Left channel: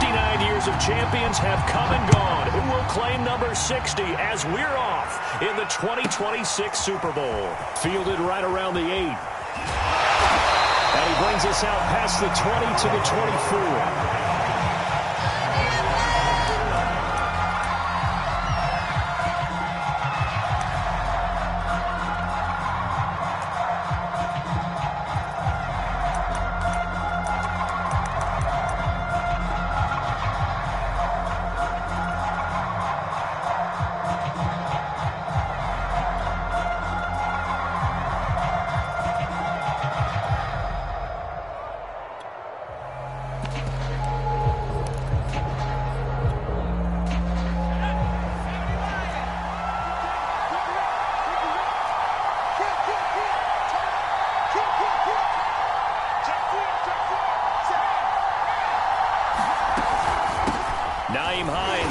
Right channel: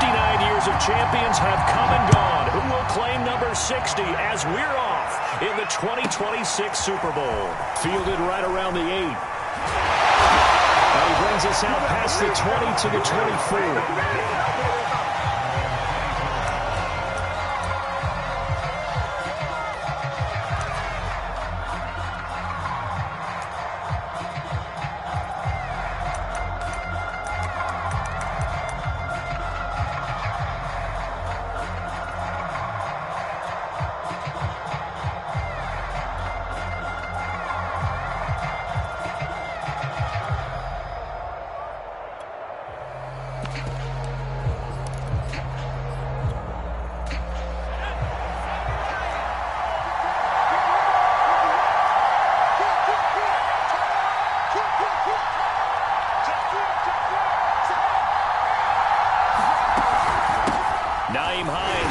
59 years of champions have come and gone. Who will claim number 60 as we're off in the 2026 Super Bowl? Fielded right around the 8. And he brings us out past the 20 to the 24.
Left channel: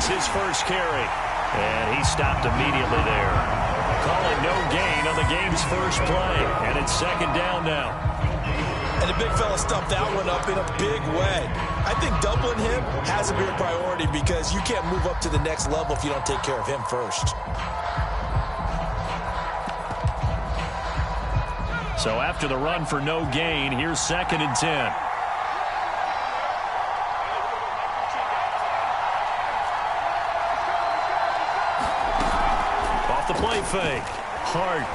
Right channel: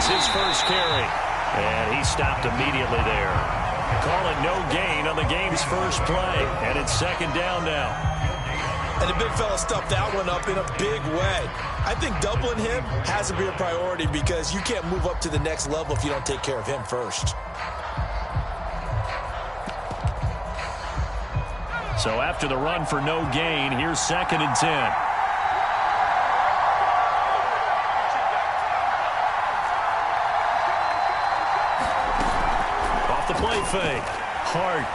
His first carry, and he stopped immediately there. Calling no gain on the game's first play, and it's second down now. And the big fella stuffed that one up in a big way. I think doubling him has to be a priority because you can't move up to the next level if you don't take care of him first. So after the run for no gain, here's second and 10. The play fake. Hart.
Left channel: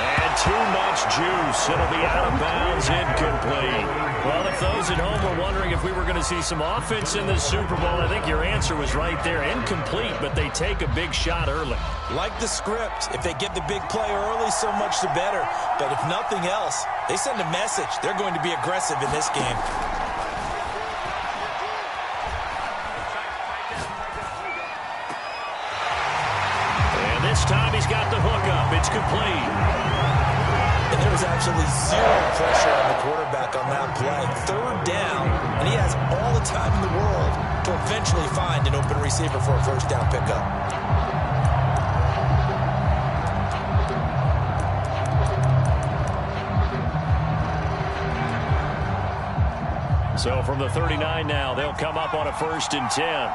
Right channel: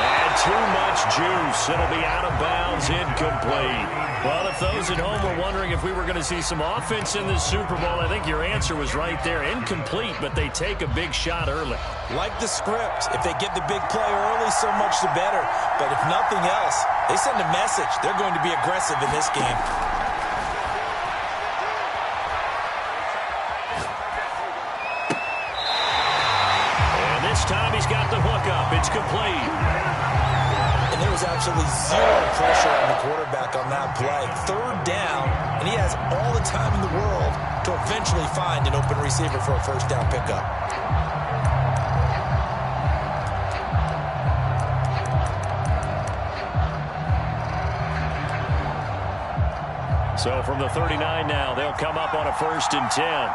And too much juice. It'll be out of bounds, incomplete. Well, if those at home were wondering if we were going to see some offense in this Super Bowl, I think your answer was right there. Incomplete, but they take a big shot early. Like the script, if they get the big play early, so much the better. But if nothing else, they send a message. They're going to be aggressive in this game. This time he's got the hook up. It's complete. And there was absolutely zero pressure on the quarterback on that play. Third down, and he has all the time in the world to eventually find an open receiver for a first down pickup. So from the 39 now, they'll come up on a 1st and 10.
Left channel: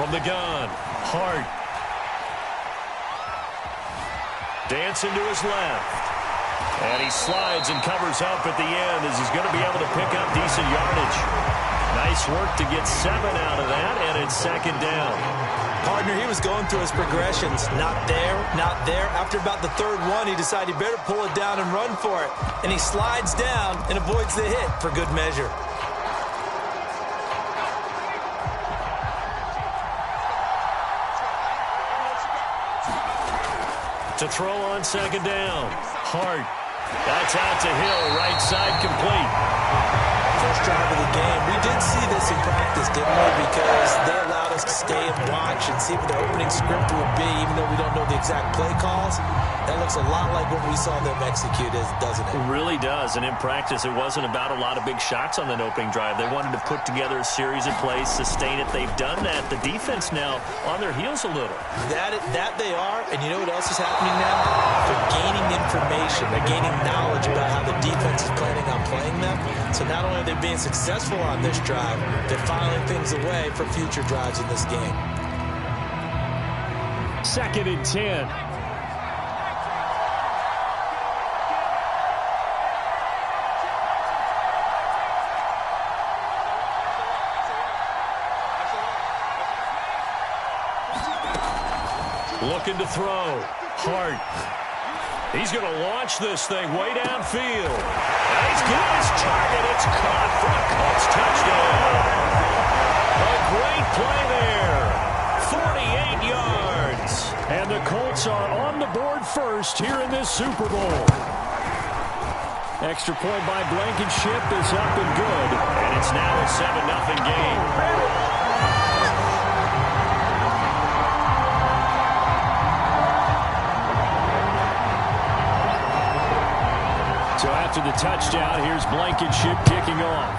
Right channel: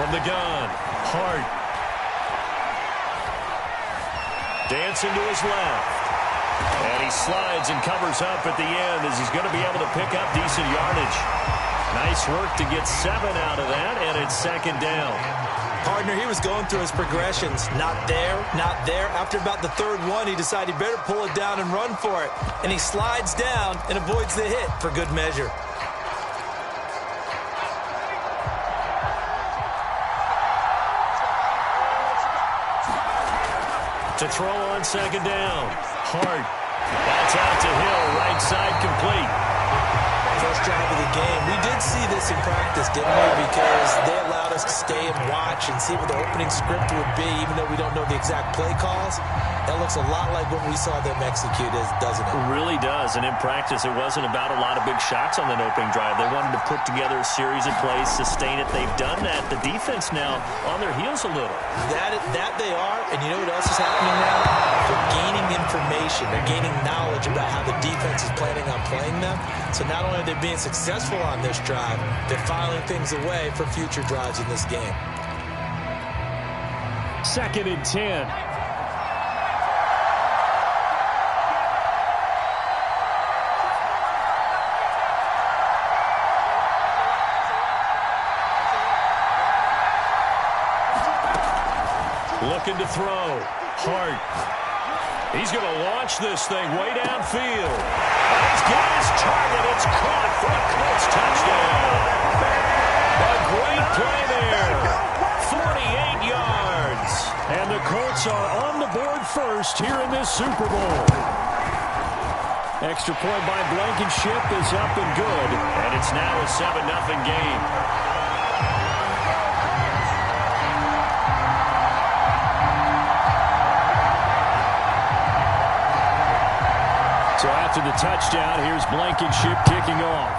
From the gun, Hart. Dancing to his left. And he slides and covers up at the end as he's going to be able to pick up decent yardage. Nice work to get 7 out of that, and it's second down. Partner, he was going through his progressions. Not there, not there. After about the third one, he decided he better pull it down and run for it. And he slides down and avoids the hit for good measure. To throw on second down. Hart. That's out to Hill. Right side complete. First drive of the game. We did see this in practice, didn't we? Because they allowed us to stay and watch and see what the opening script would be, even though we don't know the exact play calls. That looks a lot like what we saw them execute, doesn't it? It really does. And in practice, it wasn't about a lot of big shots on that opening drive. They wanted to put together a series of plays, sustain it. They've done that. The defense now on their heels a little. That they are. And you know what else is happening now? They're gaining information. They're gaining knowledge about how the defense is planning on playing them. So not only are they being successful on this drive, they're filing things away for future drives in this game. Second and 10. Looking to throw. Hart. He's going to launch this thing way downfield. And he's got his target. It's caught for a Colts touchdown. A great play there. 48 yards. And the Colts are on the board first here in this Super Bowl. Extra point by Blankenship is up and good. And it's now a 7-0 game. So after the touchdown, here's Blankenship kicking off.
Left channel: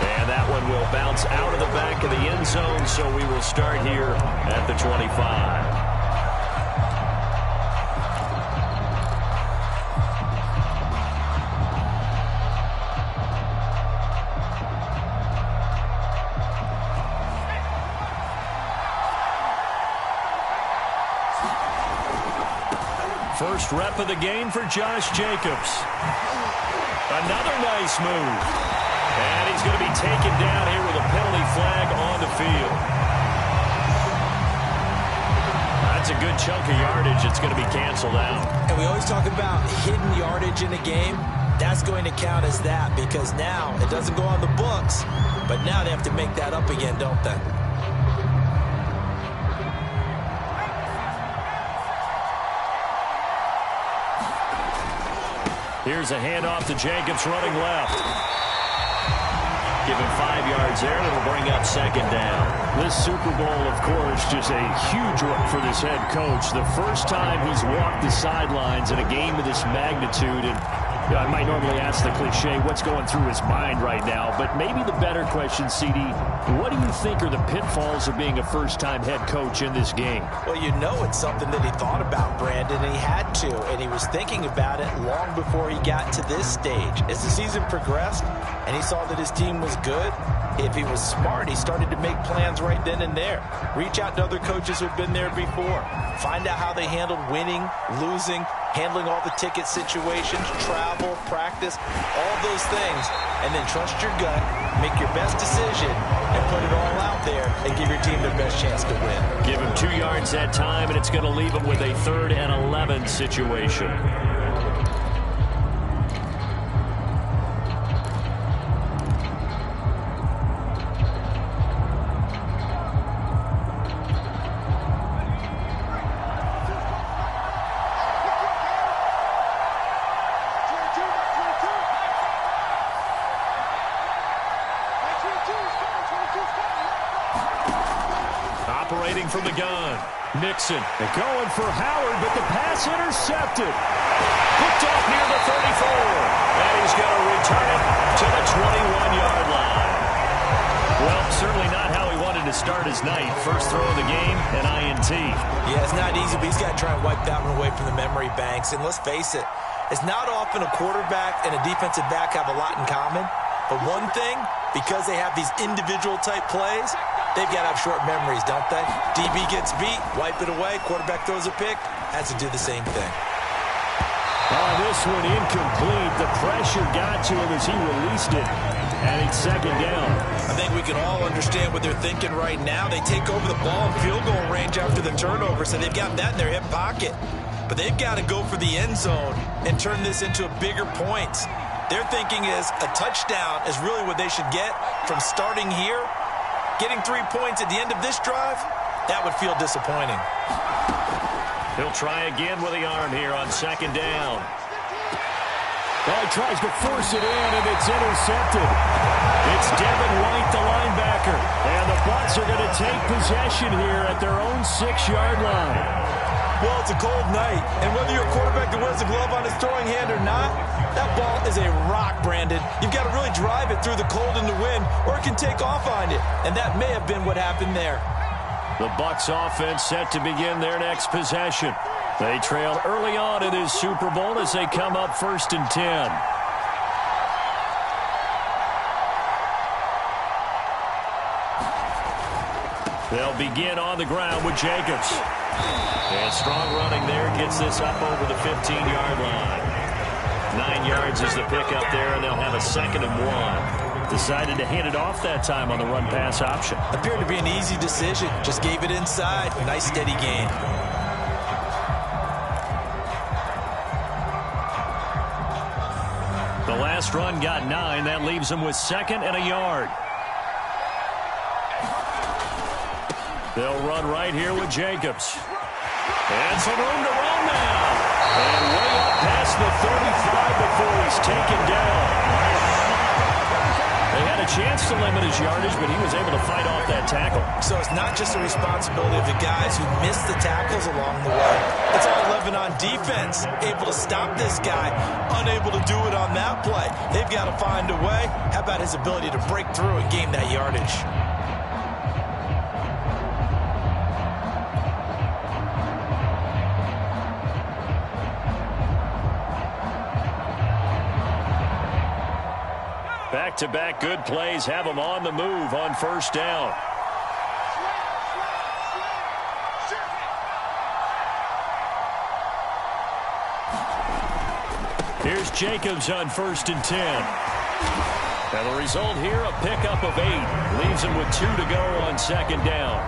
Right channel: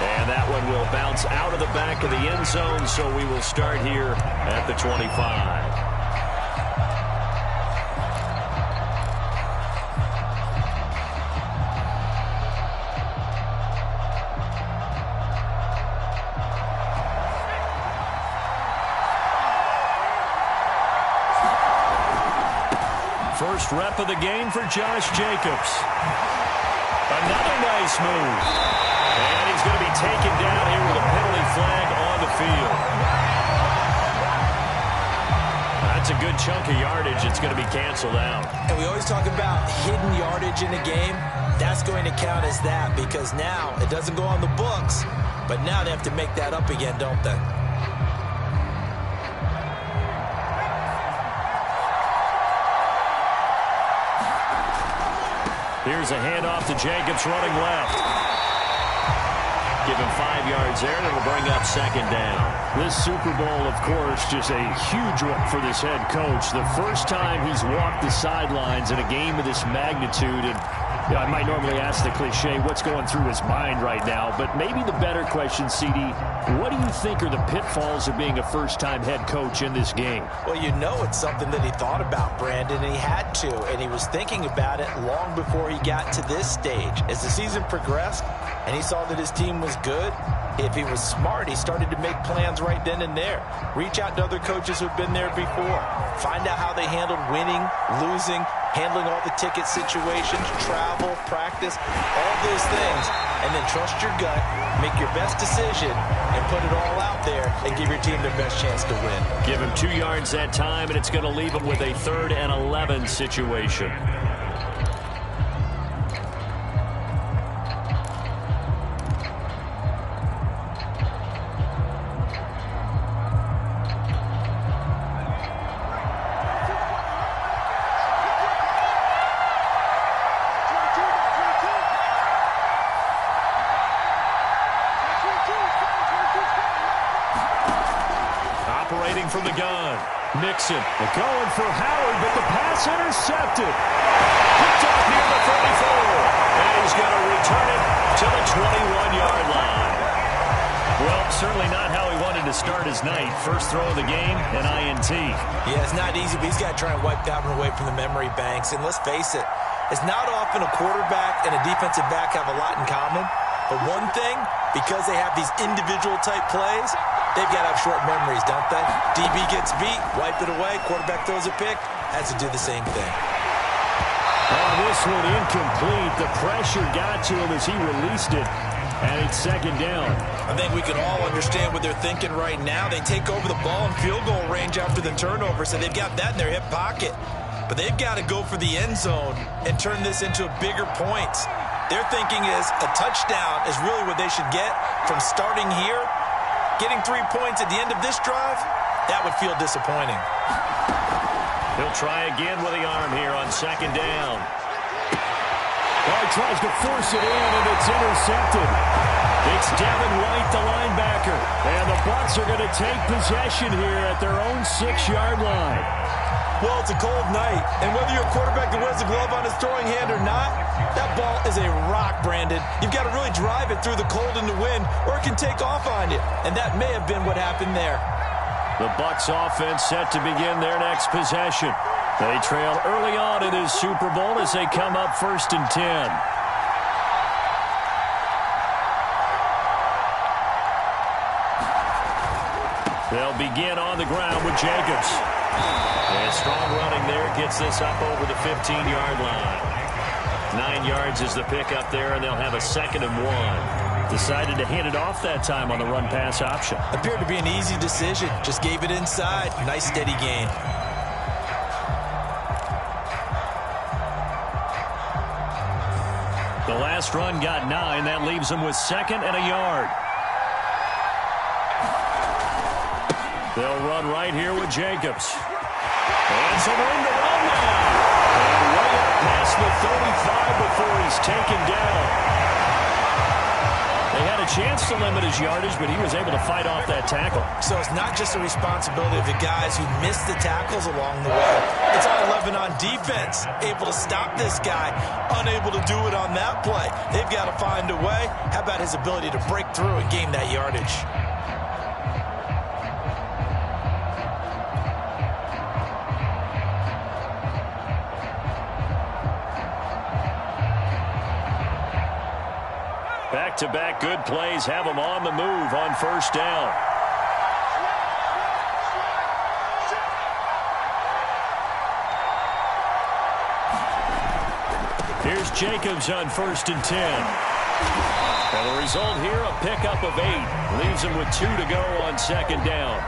And that one will bounce out of the back of the end zone, so we will start here at the 25. First rep of the game for Josh Jacobs. Another nice move. And he's going to be taken down here with a penalty flag on the field. That's a good chunk of yardage. It's going to be canceled out. And we always talk about hidden yardage in a game. That's going to count as that because now it doesn't go on the books, but now they have to make that up again, don't they? Here's a handoff to Jacobs running left. Give him 5 yards there, and it'll bring up second down. This Super Bowl, of course, just a huge one for this head coach. The first time he's walked the sidelines in a game of this magnitude. And you know, I might normally ask the cliche, what's going through his mind right now? But maybe the better question, CD, what do you think are the pitfalls of being a first-time head coach in this game? Well, you know it's something that he thought about, Brandon, and he had to. And he was thinking about it long before he got to this stage. As the season progressed and he saw that his team was good, if he was smart, he started to make plans right then and there. Reach out to other coaches who've been there before. Find out how they handled winning, losing, handling all the ticket situations, travel, practice, all those things. And then trust your gut, make your best decision, and put it all out there and give your team their best chance to win. Give him 2 yards that time, and it's going to leave him with a 3rd and 11 situation. Operating from the gun. Nixon going for Howard, but the pass intercepted. Picked off near the 34. And he's going to return it to the 21-yard line. Well, certainly not how he wanted to start his night. First throw of the game, an INT. Yeah, it's not easy, but he's got to try and wipe that one away from the memory banks. And let's face it, it's not often a quarterback and a defensive back have a lot in common. But one thing, because they have these individual type plays, they've got to have short memories, don't they? DB gets beat, wipe it away, quarterback throws a pick, has to do the same thing. Oh, this one incomplete. The pressure got to him as he released it, and it's second down. I think we can all understand what they're thinking right now. They take over the ball in field goal range after the turnover, so they've got that in their hip pocket. But they've got to go for the end zone and turn this into bigger points. Their thinking is a touchdown is really what they should get from starting here. Getting 3 points at the end of this drive, that would feel disappointing. He'll try again with the arm here on second down. Oh, he tries to force it in, and it's intercepted. It's Devin White, the linebacker. And the Bucs are going to take possession here at their own 6-yard line. Well, it's a cold night, and whether you're a quarterback that wears a glove on his throwing hand or not, that ball is a rock, Brandon. You've got to really drive it through the cold and the wind, or it can take off on you, and that may have been what happened there. The Bucs offense set to begin their next possession. They trail early on in this Super Bowl as they come up 1st and 10. They'll begin on the ground with Jacobs. And strong running there gets this up over the 15-yard line. 9 yards is the pickup there, and they'll have a 2nd and 1. Decided to hand it off that time on the run-pass option. Appeared to be an easy decision. Just gave it inside. Nice, steady gain. The last run got 9. That leaves them with 2nd and a yard. They'll run right here with Jacobs. And some room to run now. And way up past the 35 before he's taken down. They had a chance to limit his yardage, but he was able to fight off that tackle. So it's not just the responsibility of the guys who missed the tackles along the way. It's all 11 on defense, able to stop this guy, unable to do it on that play. They've got to find a way. How about his ability to break through and gain that yardage? Back-to-back good plays have them on the move on first down. Here's Jacobs on 1st and 10. And the result here, a pickup of 8. Leaves him with 2 to go on 2nd down.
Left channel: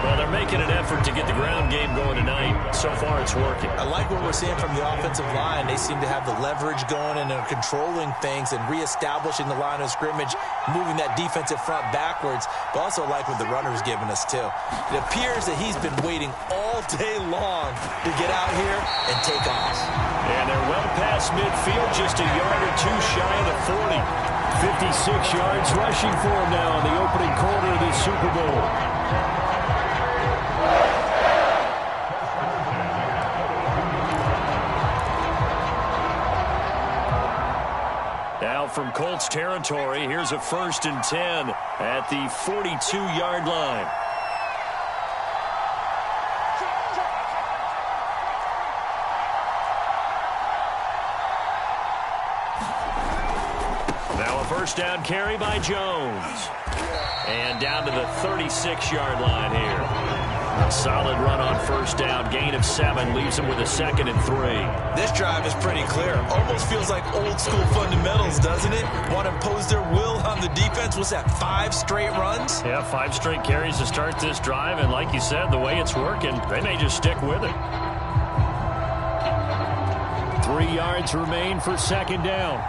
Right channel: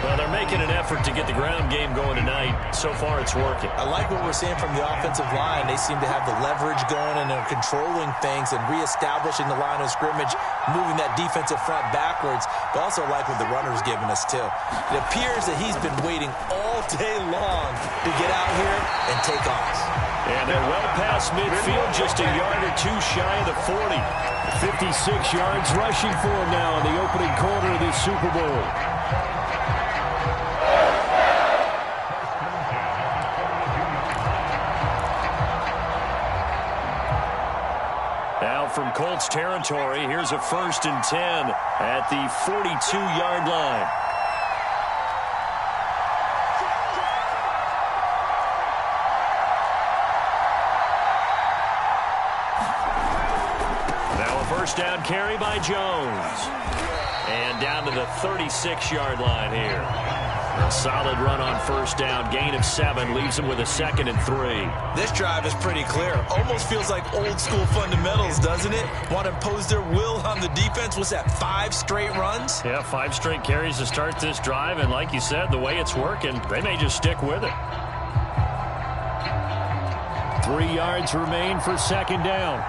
Well, they're making an effort to get the ground game going tonight. So far, it's working. I like what we're seeing from the offensive line. They seem to have the leverage going and are controlling things and reestablishing the line of scrimmage, moving that defensive front backwards, but also like what the runner's giving us, too. It appears that he's been waiting all day long to get out here and take off. And they're well past midfield, just a yard or 2 shy of the 40. 56 yards rushing for him now in the opening quarter of this Super Bowl. Now from Colts territory, here's a 1st and 10 at the 42-yard line. Now a first down carry by Jones. And down to the 36-yard line here. A solid run on first down. Gain of 7 leaves him with a 2nd and 3. This drive is pretty clear. Almost feels like old school fundamentals, doesn't it? Want to impose their will on the defense. What's that, 5 straight runs? Yeah, 5 straight carries to start this drive. And like you said, the way it's working, they may just stick with it. 3 yards remain for 2nd down.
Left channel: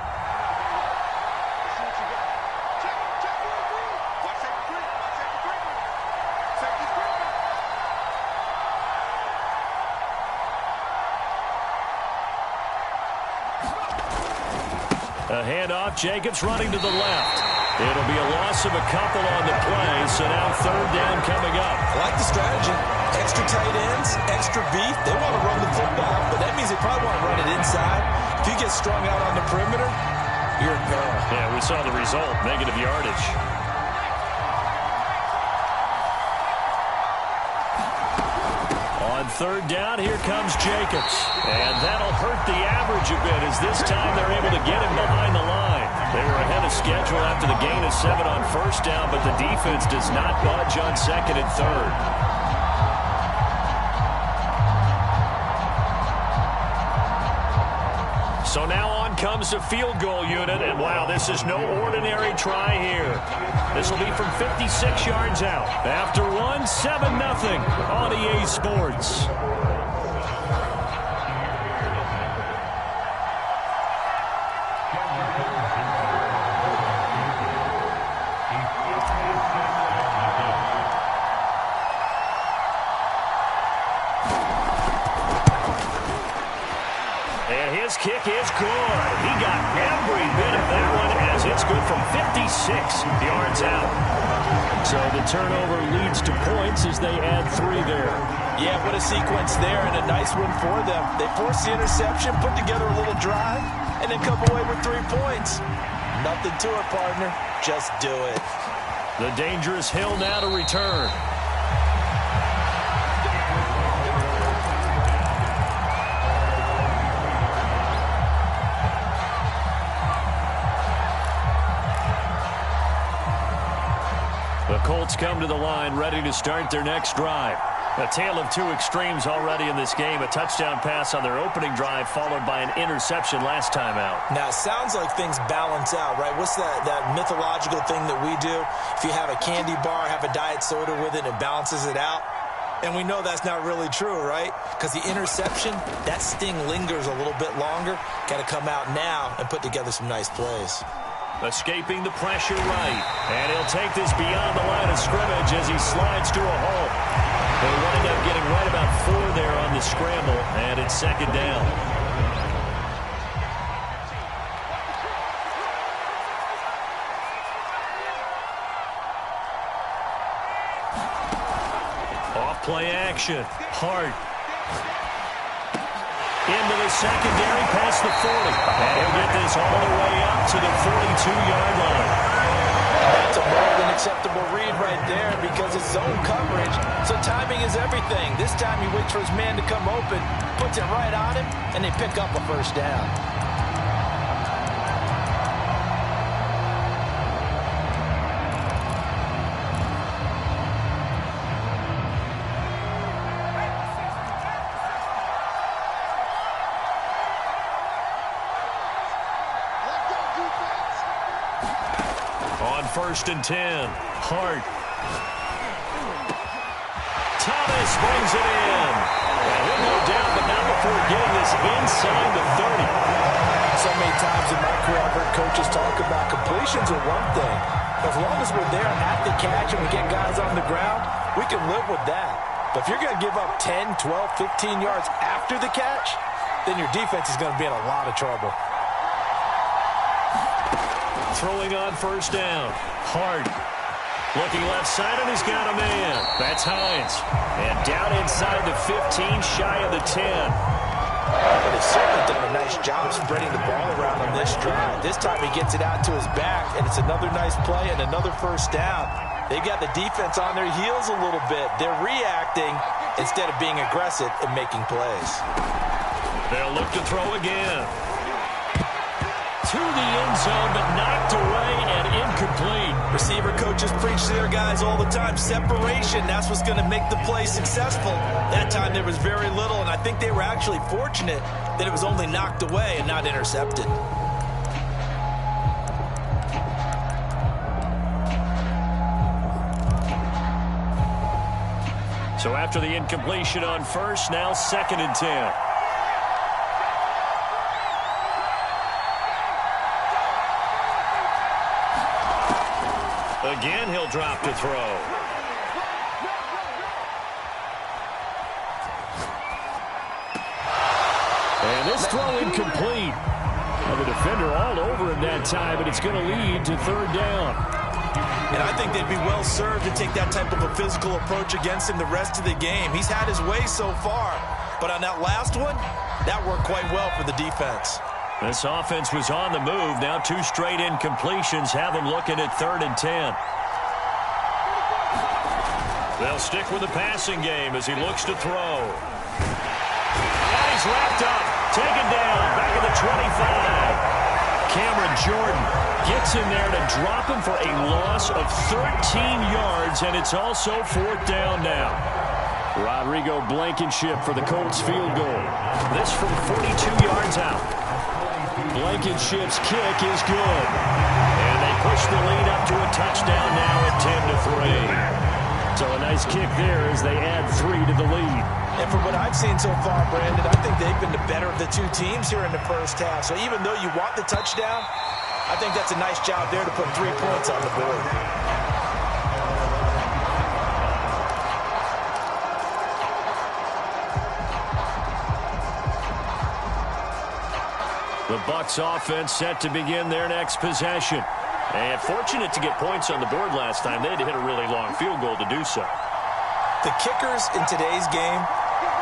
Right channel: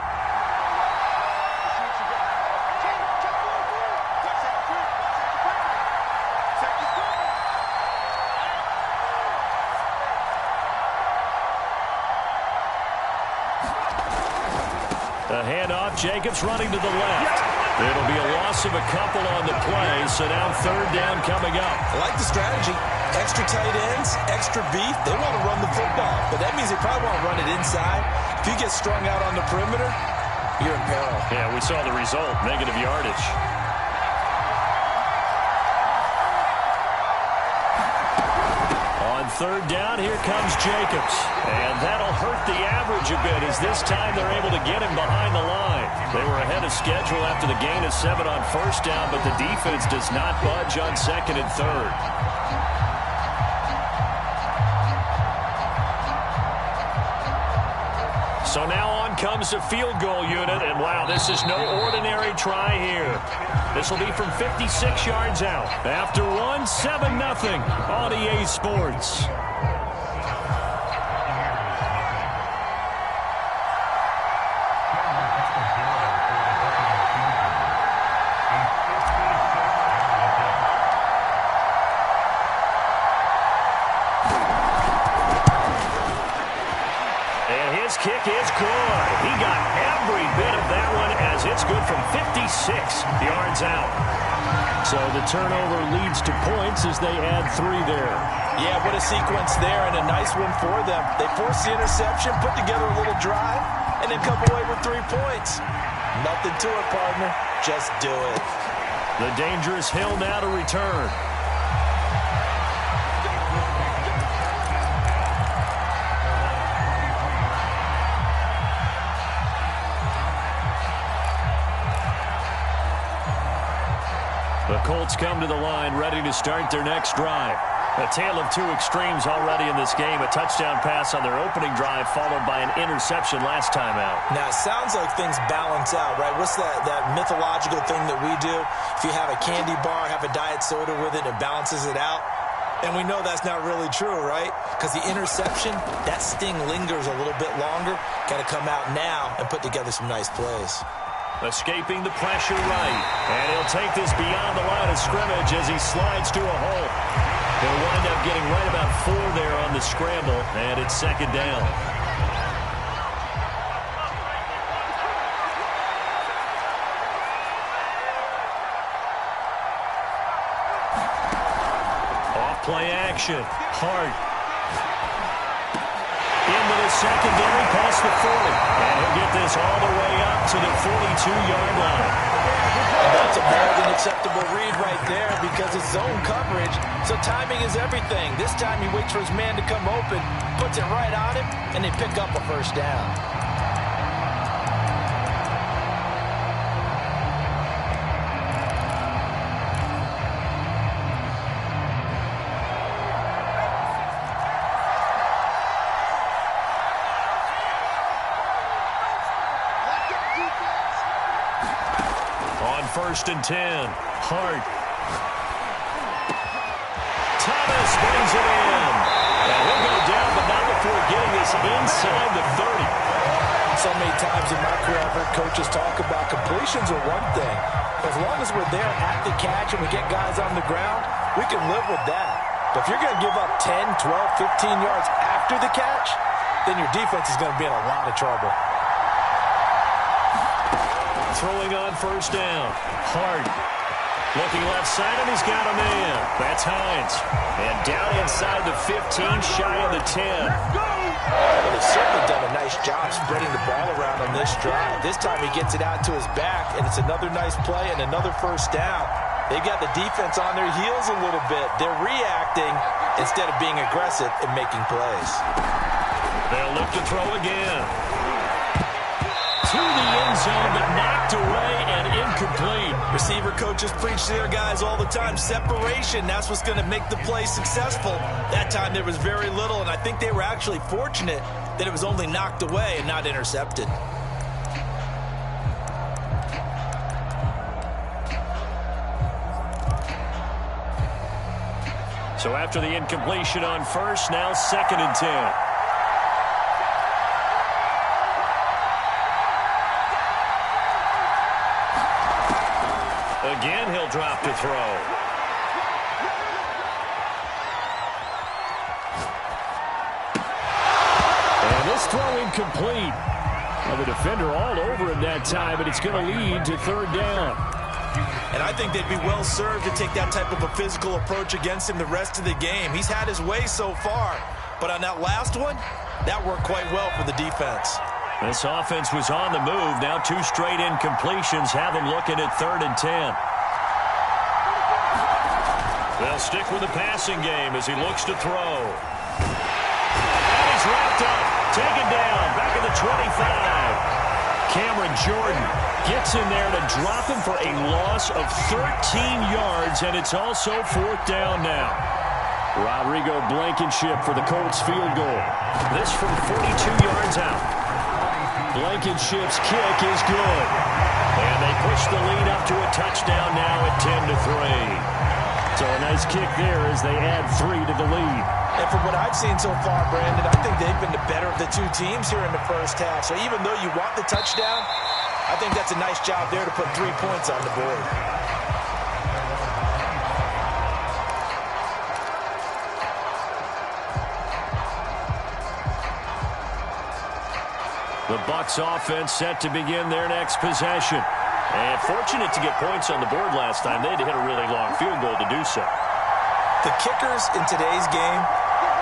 A handoff, Jacobs running to the left. It'll be a loss of a couple on the play, so now 3rd down coming up. I like the strategy. Extra tight ends, extra beef. They want to run the football, but that means they probably want to run it inside. If you get strung out on the perimeter, you're in peril. Yeah, we saw the result, negative yardage. On 3rd down, here comes Jacobs. And that'll hurt the average a bit as this time they're able to get him behind the line. They were ahead of schedule after the gain of 7 on first down, but the defense does not budge on 2nd and 3rd. So now on comes the field goal unit, and wow, this is no ordinary try here. This will be from 56 yards out. After 1, 7-0 on EA Sports. And his kick is good. He got every bit of that one as it's good from 56 yards out. So the turnover leads to points as they add 3 there. Yeah, what a sequence there and a nice one for them. They forced the interception, put together a little drive, and then come away with 3 points. Nothing to it, partner. Just do it. The dangerous Hill now to return. The Colts come to the line, ready to start their next drive. A tale of 2 extremes already in this game. A touchdown pass on their opening drive, followed by an interception last time out. Now, it sounds like things balance out, right? What's that mythological thing that we do? If you have a candy bar, have a diet soda with it, it balances it out. And we know that's not really true, right? Because the interception, that sting lingers a little bit longer. Got to come out now and put together some nice plays. Escaping the pressure right. And he'll take this beyond the line of scrimmage as he slides to a hole. He'll wind up getting right about 4 there on the scramble, and it's 2nd down. Off play action. Hart. Into the secondary, past the 40. And he'll get this all the way up to the 42-yard line. And that's a more than acceptable read right there because it's zone coverage, so timing is everything. This time he waits for his man to come open, puts it right on him, and they pick up a first down. On 1st and 10, Hart. Thomas brings it in. And he'll go down, but not before getting this inside the 30. So many times in my career, I've heard coaches talk about completions are one thing. As long as we're there at the catch and we get guys on the ground, we can live with that. But if you're going to give up 10, 12, 15 yards after the catch, then your defense is going to be in a lot of trouble. Throwing on 1st down. Hart. Looking left side, and he's got a man. That's Hines. And down inside the 15, shy of the 10. But they've certainly done a nice job spreading the ball around on this drive. This time he gets it out to his back, and it's another nice play and another first down. They've got the defense on their heels a little bit. They're reacting instead of being aggressive and making plays. They'll look to throw again. To the end zone, but knocked away and incomplete. Receiver coaches preach to their guys all the time. Separation, that's what's going to make the play successful. That time there was very little, and I think they were actually fortunate that it was only knocked away and not intercepted. So after the incompletion on 1st, now 2nd and 10. Again, he'll drop to throw. And this throw incomplete. Well, the defender all over him that time, but it's going to lead to 3rd down. And I think they'd be well served to take that type of a physical approach against him the rest of the game. He's had his way so far, but on that last one, that worked quite well for the defense. This offense was on the move. Now 2 straight incompletions have them looking at 3rd and 10. They'll stick with the passing game as he looks to throw. And he's wrapped up, taken down, back at the 25. Cameron Jordan gets in there to drop him for a loss of 13 yards, and it's also 4th down now. Rodrigo Blankenship for the Colts field goal. This from 42 yards out. Blankenship's kick is good. And they push the lead up to a touchdown now at 10-3. So a nice kick there as they add 3 to the lead. And from what I've seen so far, Brandon, I think they've been the better of the 2 teams here in the first half. So even though you want the touchdown, I think that's a nice job there to put 3 points on the board. The Bucs offense set to begin their next possession. And fortunate to get points on the board last time. They had to hit a really long field goal to do so. The kickers in today's game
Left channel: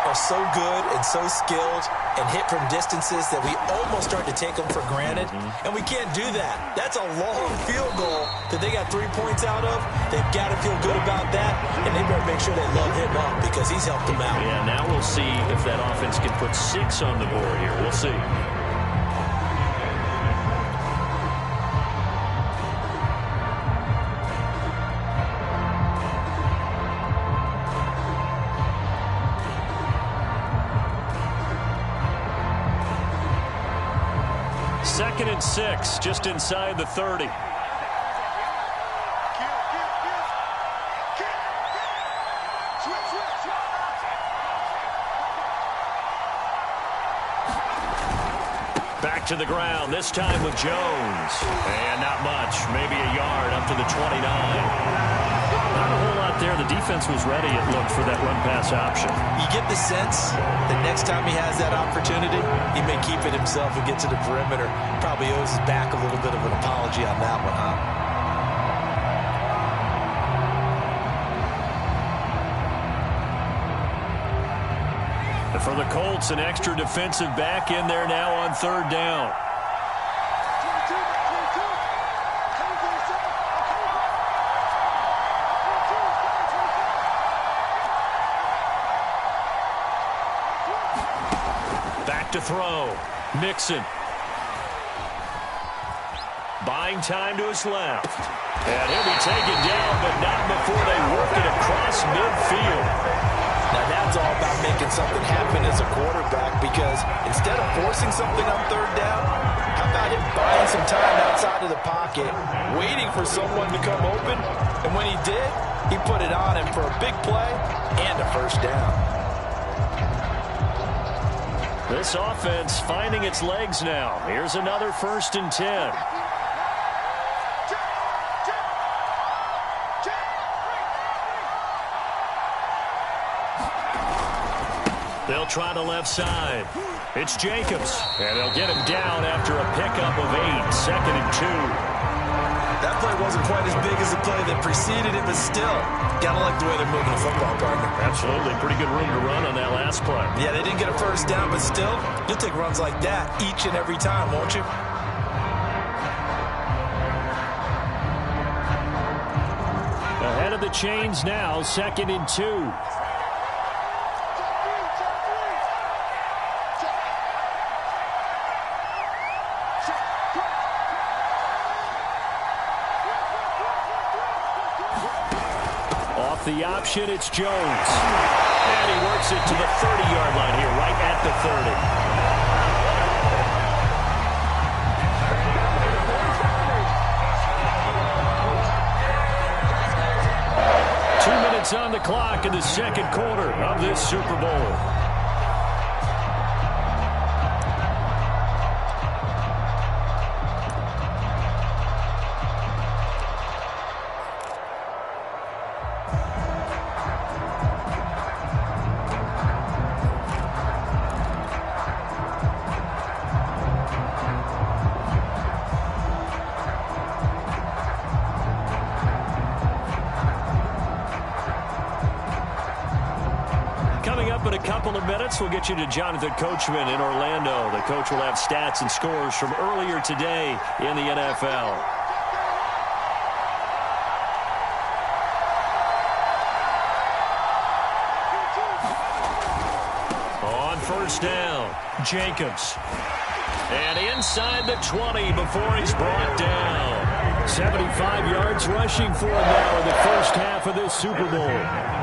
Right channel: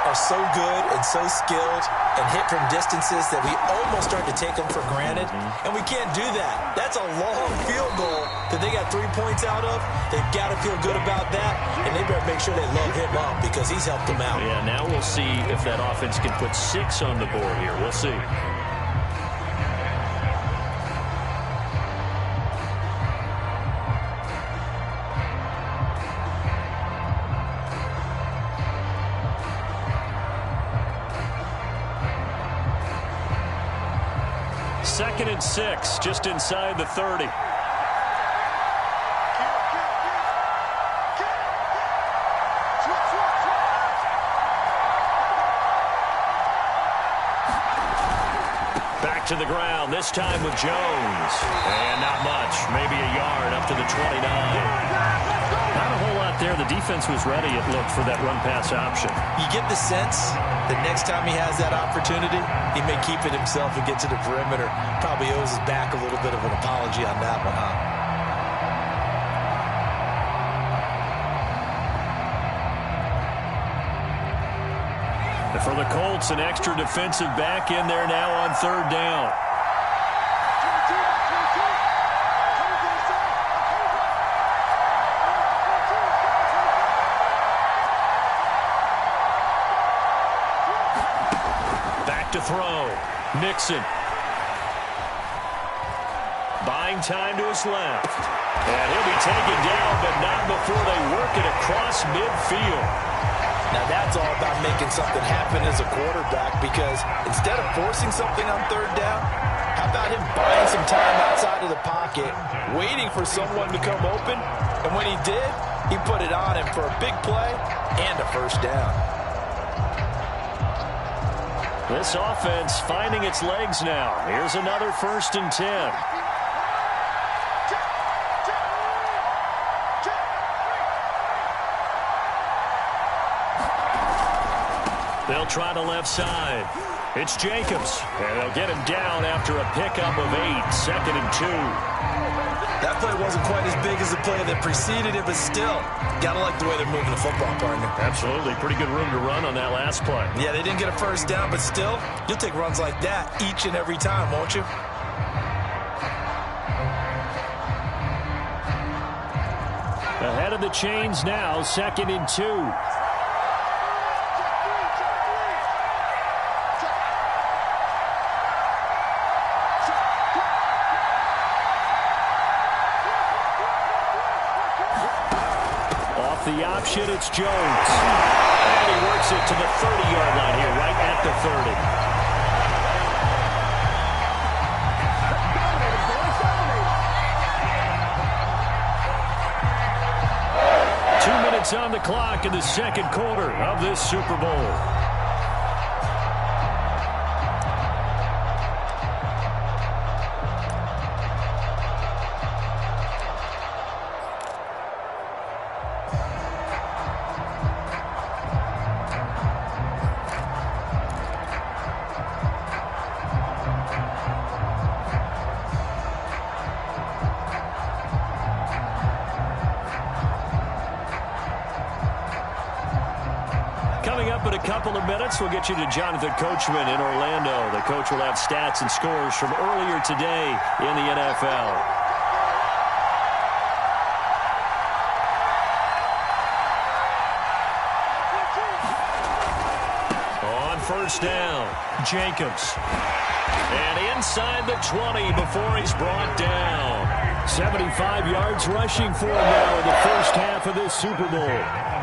are so good and so skilled and hit from distances that we almost start to take them for granted. And we can't do that. That's a long field goal that they got 3 points out of. They've got to feel good about that, and they better make sure they love him up because he's helped them out. Yeah, now we'll see if that offense can put 6 on the board here. We'll see. Second and 6, just inside the 30. Back to the ground, this time with Jones. And not much, maybe a yard up to the 29. Not a whole lot there. The defense was ready, it looked, for that run-pass option. You get the sense that next time he has that opportunity, he may keep it himself and get to the perimeter. Probably owes his back a little bit of an apology on that one, huh? And for the Colts, an extra defensive back in there now on third down. Back to throw. Mixon. Buying time to his left. And he'll be taken down, but not before they work it across midfield. Now that's all about making something happen as a quarterback, because instead of forcing something on third down, how about him buying some time outside of the pocket, waiting for someone to come open, and when he did, he put it on him for a big play and a first down. This offense finding its legs now. Here's another 1st and 10. They'll try the left side. It's Jacobs, and they'll get him down after a pickup of 8, 2nd and 2. That play wasn't quite as big as the play that preceded it, but still, gotta like the way they're moving the football, partner. Absolutely. Pretty good room to run on that last play. Yeah, they didn't get a first down, but still, you'll take runs like that each and every time, won't you? Ahead of the chains now, 2nd and 2. Off the option, it's Jones. And he works it to the 30-yard line here, right at the 30. On the clock in the second quarter of this Super Bowl. Coming up in a couple of minutes, we'll get you to Jonathan Coachman in Orlando. The coach will have stats and scores from earlier today in the NFL. On first down, Jacobs. And inside the 20 before he's brought down. 75 yards rushing for him now in the first half of this Super Bowl.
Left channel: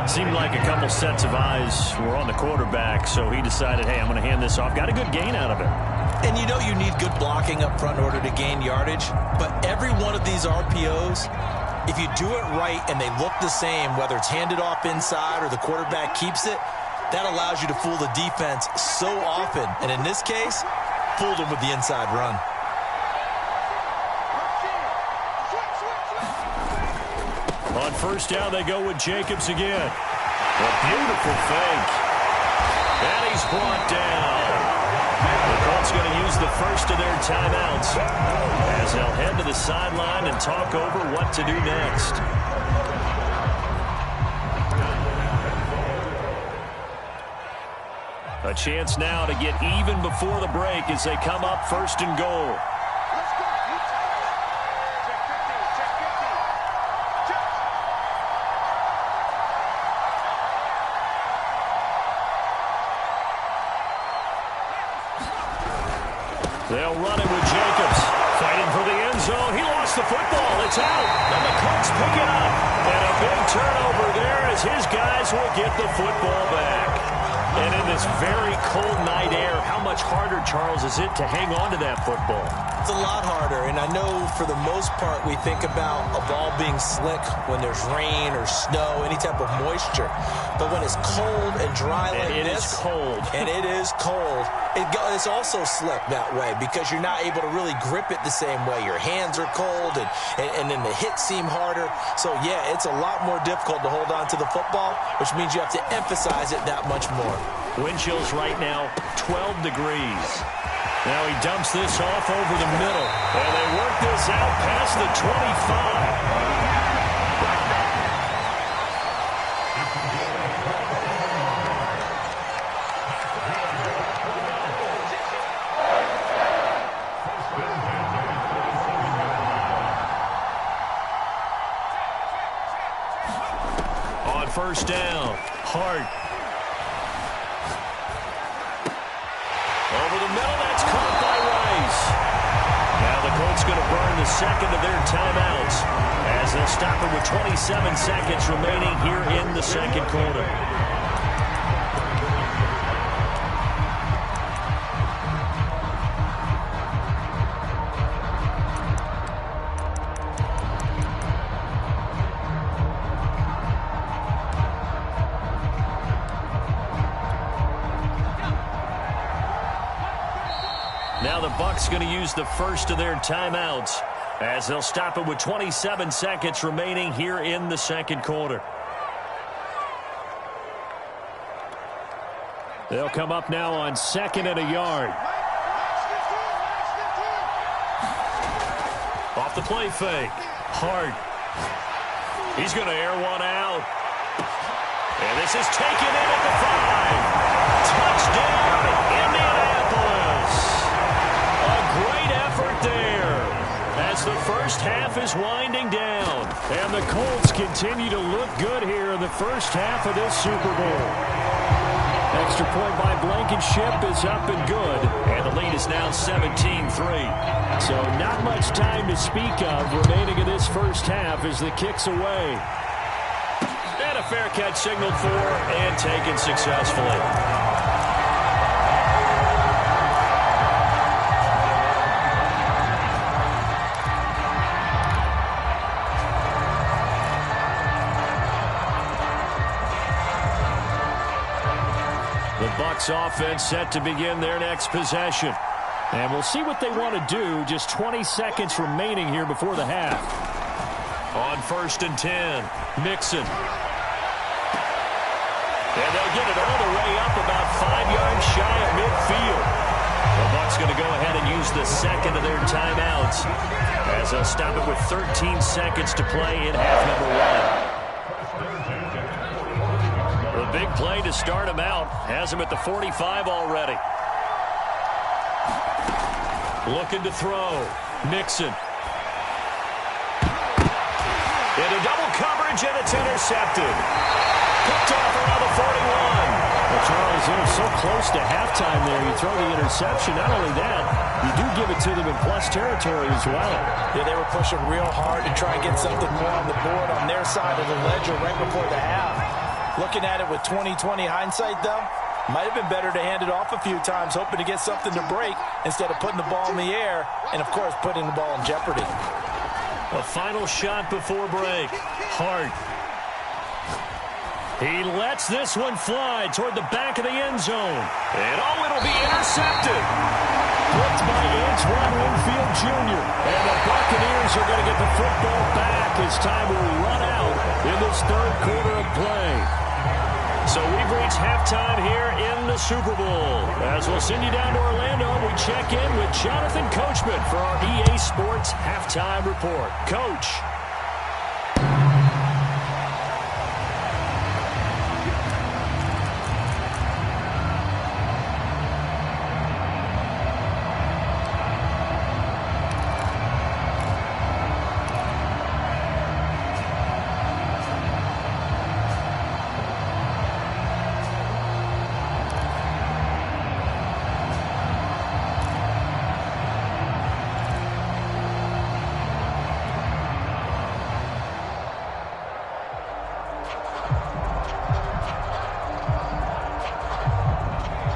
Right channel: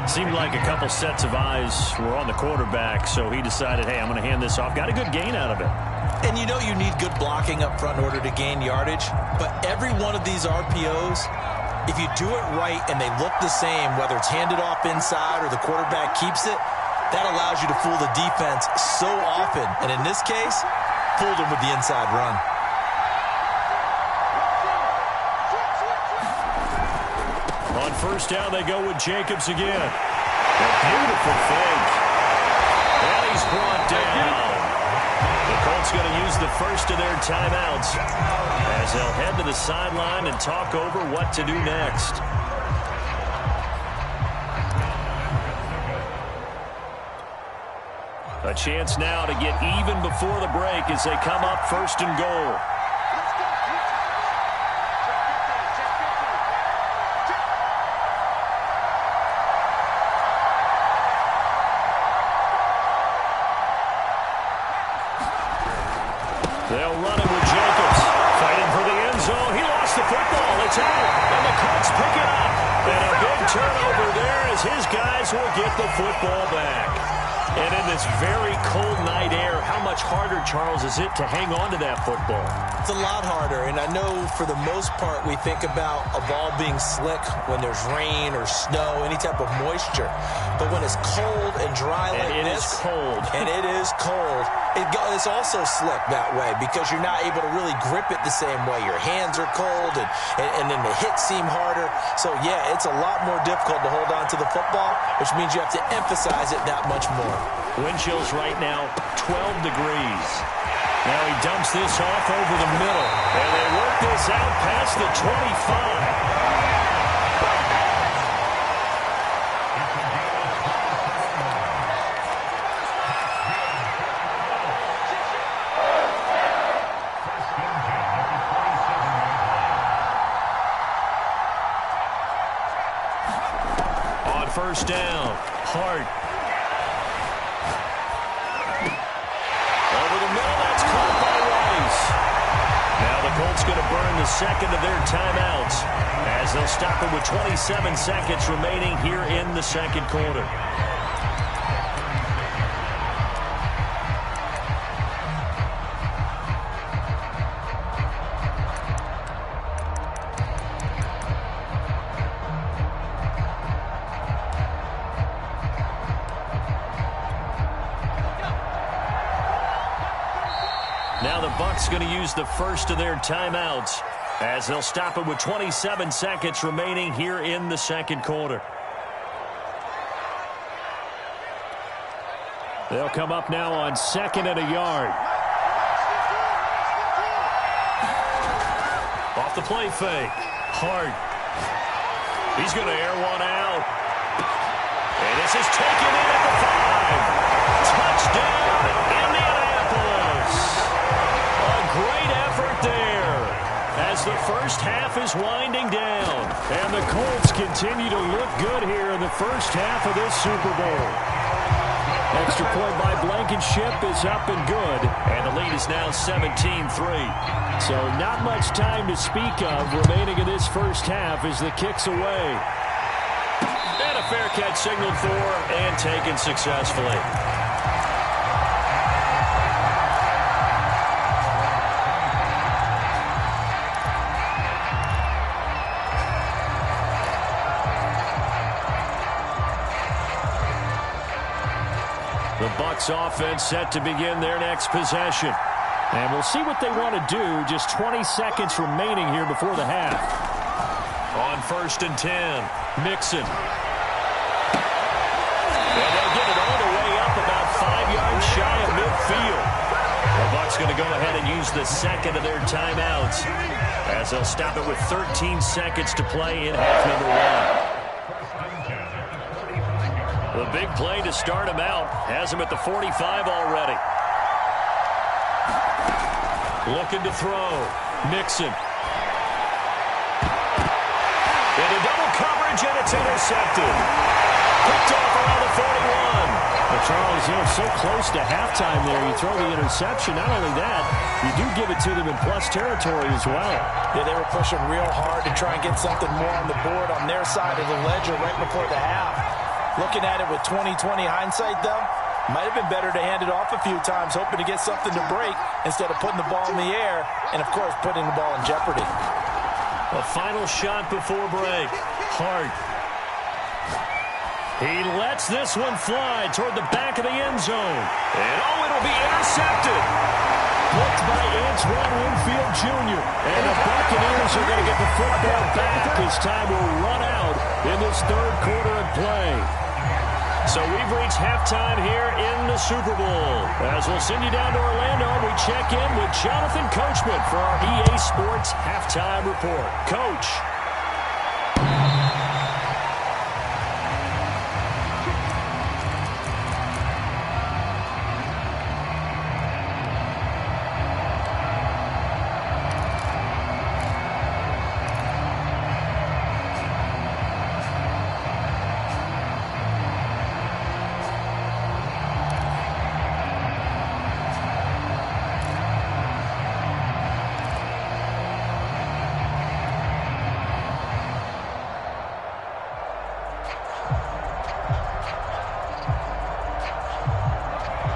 Seemed like a couple sets of eyes were on the quarterback, so he decided, hey, I'm going to hand this off. Got a good gain out of it. And you know you need good blocking up front in order to gain yardage, but every one of these RPOs, if you do it right and they look the same, whether it's handed off inside or the quarterback keeps it, that allows you to fool the defense so often. And in this case, fooled him with the inside run. On first down, they go with Jacobs again. A beautiful fake. And he's brought down. The Colts going to use the first of their timeouts as they'll head to the sideline and talk over what to do next. A chance now to get even before the break as they come up 1st and goal. They'll run it with Jacobs. Fighting for the end zone. He lost the football. It's out. And the Colts pick it up. And a big turnover there as his guys will get the football back. And in this very cold night air, how much harder, Charles, is it to hang on to that football? It's a lot harder, and I know for the most part we think about a ball being slick when there's rain or snow, any type of moisture. But when it's cold and dry like this, it is cold. And it is cold, it's also slick that way because you're not able to really grip it the same way. Your hands are cold, and then the hits seem harder. So, yeah, it's a lot more difficult to hold on to the football, which means you have to emphasize it that much more. Wind chills right now, 12 degrees. Now he dumps this off over the middle. And they work this out past the 25. first down. Hart. Over the middle, that's caught by Rice. Now the Colts going to burn the second of their timeouts as they'll stop it with 27 seconds remaining here in the second quarter. Now the Bucs going to use the first of their timeouts as they'll stop it with 27 seconds remaining here in the second quarter. They'll come up now on 2nd and a yard. Off the play fake. Hart. He's going to air one out. And this is taken in at the 5. Touchdown, Indianapolis. A great effort there as the first half is winding down. And the Colts continue to look good here in the first half of this Super Bowl. Extra point by Blankenship is up and good. And the lead is now 17-3. So not much time to speak of remaining in this first half as the kick's away. And a fair catch signaled for and taken successfully. The Bucs offense set to begin their next possession. And we'll see what they want to do. Just 20 seconds remaining here before the half. On 1st and 10, Mixon. And they'll get it all the way up about 5 yards shy of midfield. The Bucs going to go ahead and use the second of their timeouts as they'll stop it with 13 seconds to play in half number 1. The big play to start him out has him at the 45 already. Looking to throw. Mixon. Into double coverage, and it's intercepted. Picked off around the 41. Well, Charles, so close to halftime there. You throw the interception. Not only that, you do give it to them in plus territory as well. Yeah, they were pushing real hard to try and get something more on the board on their side of the ledger right before the half. Looking at it with 20/20 hindsight, though, might have been better to hand it off a few times, hoping to get something to break instead of putting the ball in the air and, of course, putting the ball in jeopardy. A final shot before break. Hart. He lets this one fly toward the back of the end zone. And, it'll be intercepted. Blitzed by Antoine Winfield Jr. And the Buccaneers are going to get the football back as time will run out in this third quarter of play. So we've reached halftime here in the Super Bowl. As we'll send you down to Orlando, we check in with Jonathan Coachman for our EA Sports Halftime Report. Coach.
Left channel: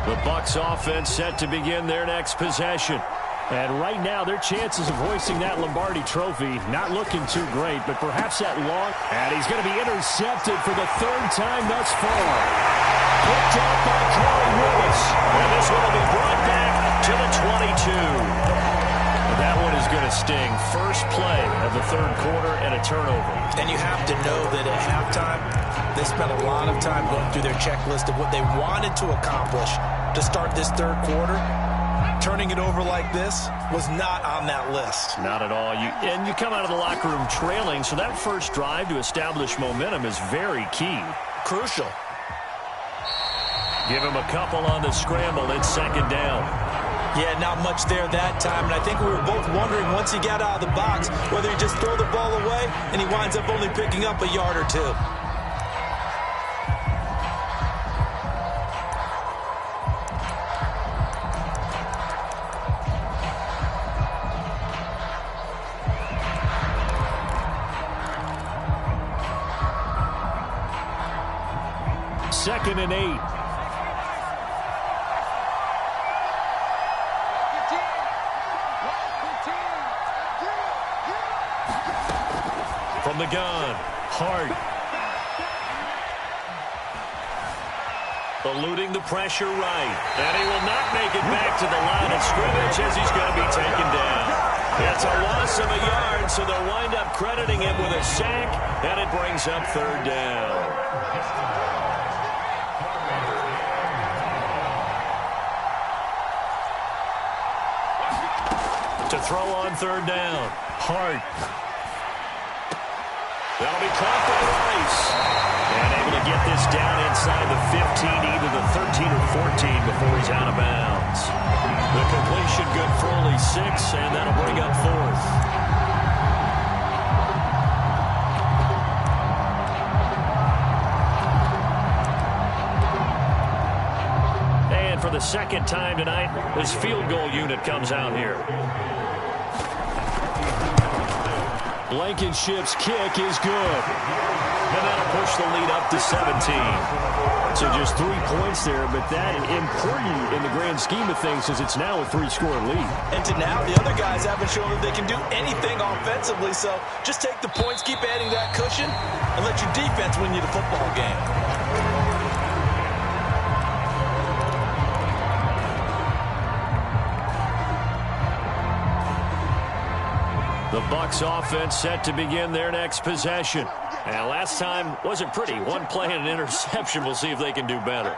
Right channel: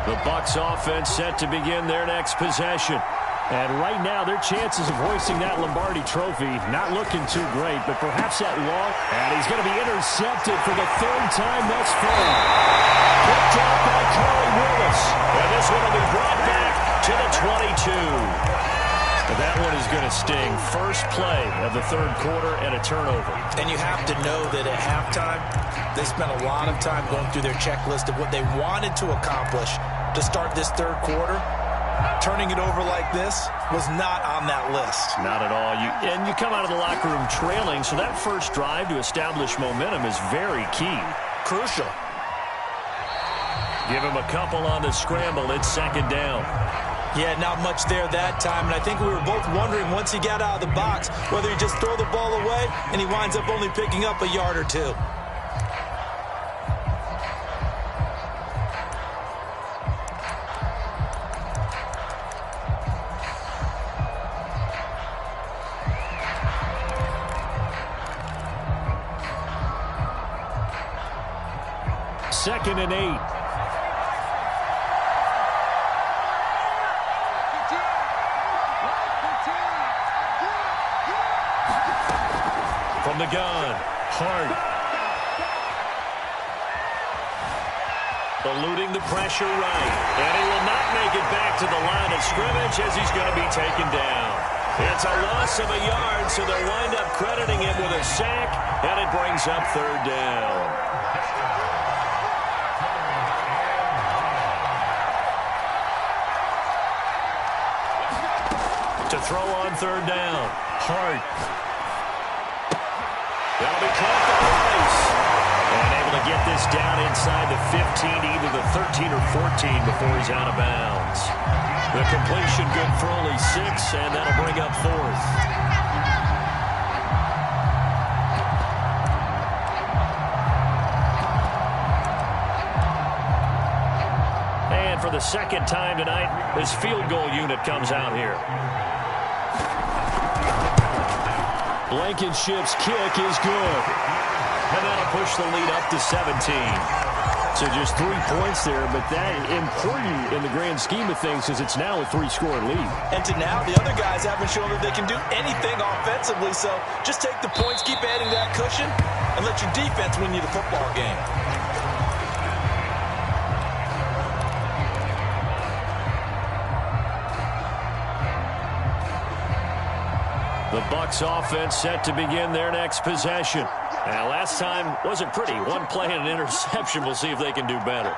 The Bucs offense set to begin their next possession. And right now, their chances of hoisting that Lombardi trophy not looking too great, but perhaps that long. And he's going to be intercepted for the third time thus far. Picked off by Corey Willis. And this one will be brought back to the 22. And that one is going to sting. First play of the third quarter and a turnover. And you have to know that at halftime, they spent a lot of time going through their checklist of what they wanted to accomplish to start this third quarter. Turning it over like this was not on that list. Not at all. And you come out of the locker room trailing, so that first drive to establish momentum is very key. Crucial. Give him a couple on the scramble. It's second down. Yeah, not much there that time, and I think we were both wondering once he got out of the box whether he just throw the ball away and he winds up only picking up a yard or two. 2nd and 8. From the gun, Hart. Eluding the pressure right. And he will not make it back to the line of scrimmage as he's going to be taken down. It's a loss of a yard, so they'll wind up crediting him with a sack, and it brings up 3rd down. To throw on 3rd down, Hart. That'll be caught by Rice. And able to get this down inside the 15, either the 13 or 14 before he's out of bounds. The completion good for only 6, and that'll bring up 4th. And for the 2nd time tonight, this field goal unit comes out here. Blankenship's kick is good. And that'll push the lead up to 17. So just 3 points there, but that important in the grand scheme of things as it's now a 3-score lead. And to now, the other guys haven't shown that they can do anything offensively, so just take the points, keep adding that cushion, and let your defense win you the football game. The Bucs offense set to begin their next possession. And last time wasn't pretty. One play and an interception. We'll see if they can do better.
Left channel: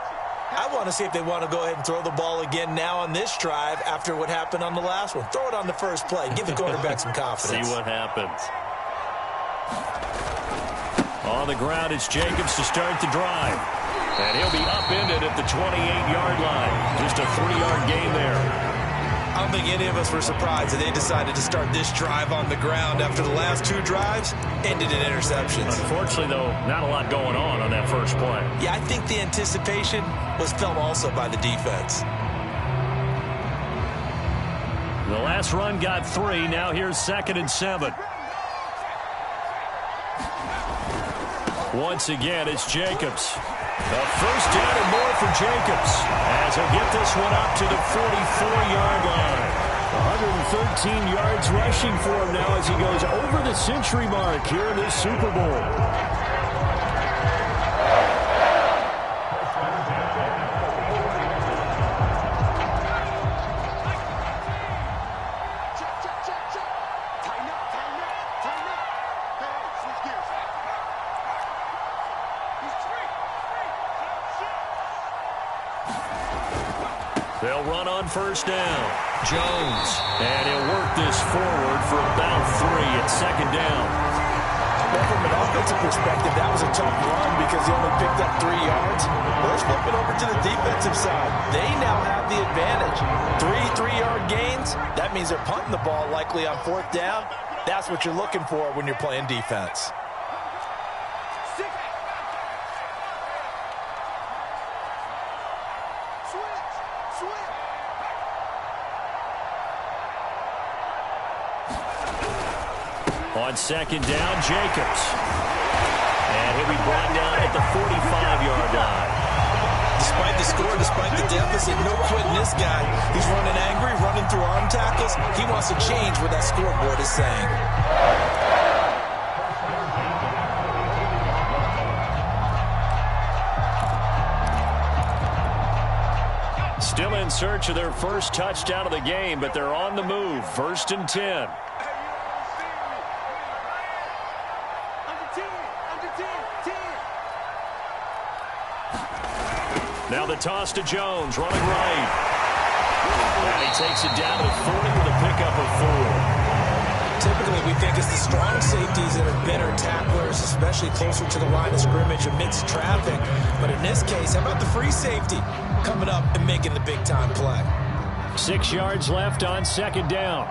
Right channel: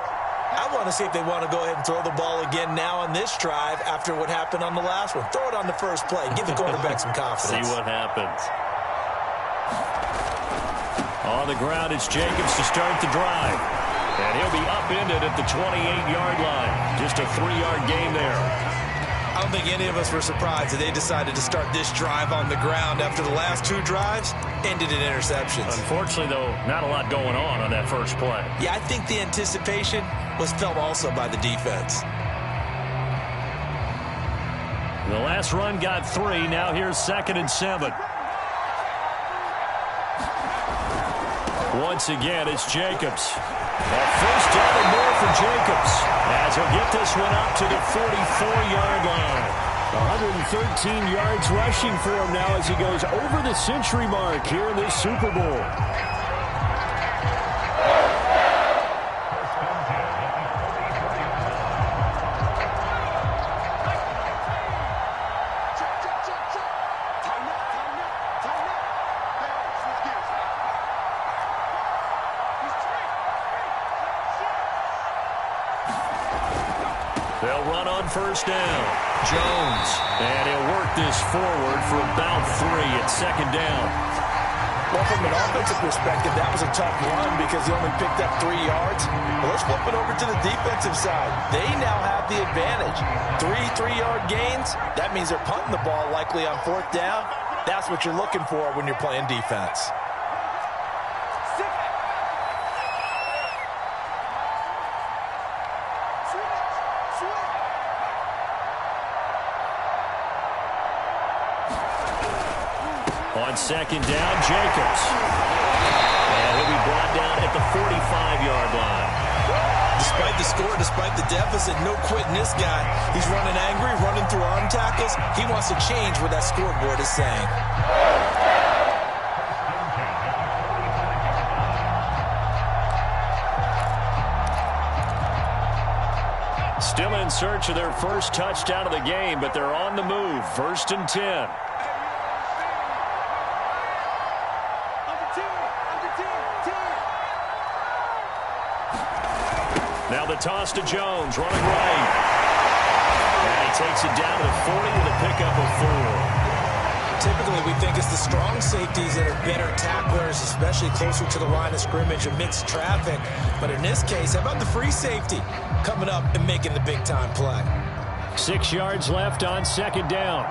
I want to see if they want to go ahead and throw the ball again now on this drive after what happened on the last one. Throw it on the first play. Give the quarterback some confidence. See what happens. On the ground, it's Jacobs to start the drive. And he'll be upended at the 28-yard line. Just a 3-yard gain there. I don't think any of us were surprised that they decided to start this drive on the ground after the last 2 drives ended in interceptions. Unfortunately, though, not a lot going on that first play. Yeah, I think the anticipation was felt also by the defense. The last run got 3. Now here's 2nd and 7. Once again, it's Jacobs. A first down and more for Jacobs as he'll get this one up to the 44-yard line. 113 yards rushing for him now as he goes over the century mark here in this Super Bowl. They'll run on first down. Jones. And he'll work this forward for about 3 at 2nd down. Well, from an offensive perspective, that was a tough run because he only picked up 3 yards. Well, let's flip it over to the defensive side. They now have the advantage. 3 3-yard gains. That means they're punting the ball likely on 4th down. That's what you're looking for when you're playing defense. On 2nd down, Jacobs. And he'll be brought down at the 45-yard line. Despite the score, despite the deficit, no quitting this guy. He's running angry, running through arm tackles. He wants to change what that scoreboard is saying. Still in search of their first touchdown of the game, but they're on the move. 1st and 10. Now the toss to Jones, running right. And he takes it down to the 40 with a pickup of 4. Typically, we think it's the strong safeties that are better tacklers, especially closer to the line of scrimmage amidst traffic. But in this case, how about the free safety coming up and making the big-time play? 6 yards left on 2nd down.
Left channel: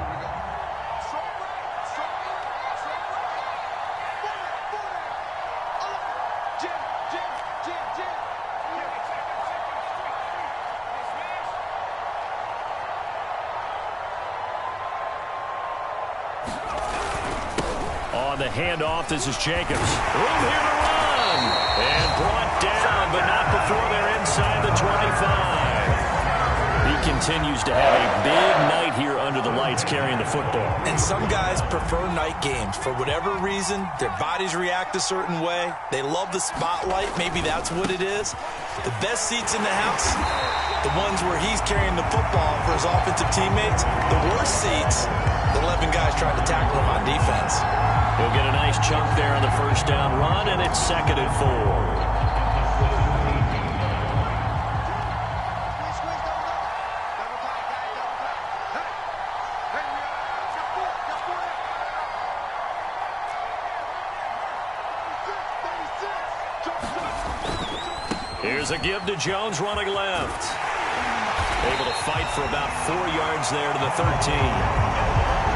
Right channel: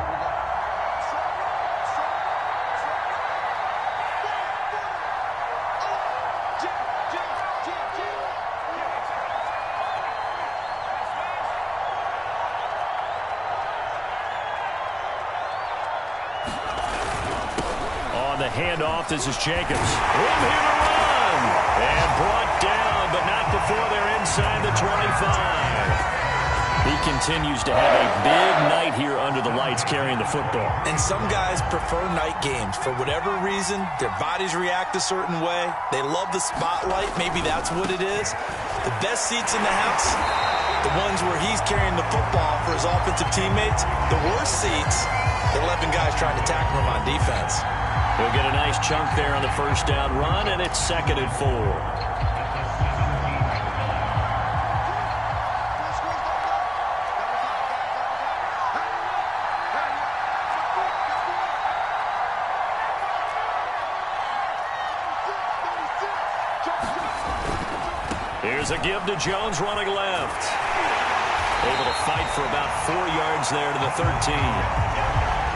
On the handoff, this is Jacobs. Room here to run. And brought down, but not before continues to have a big night here under the lights carrying the football. And some guys prefer night games. For whatever reason, their bodies react a certain way. They love the spotlight. Maybe that's what it is. The best seats in the house, the ones where he's carrying the football for his offensive teammates. The worst seats, the 11 guys trying to tackle him on defense. He'll get a nice chunk there on the first down run, and it's 2nd and 4. Here's a give to Jones running left. Able to fight for about 4 yards there to the 13.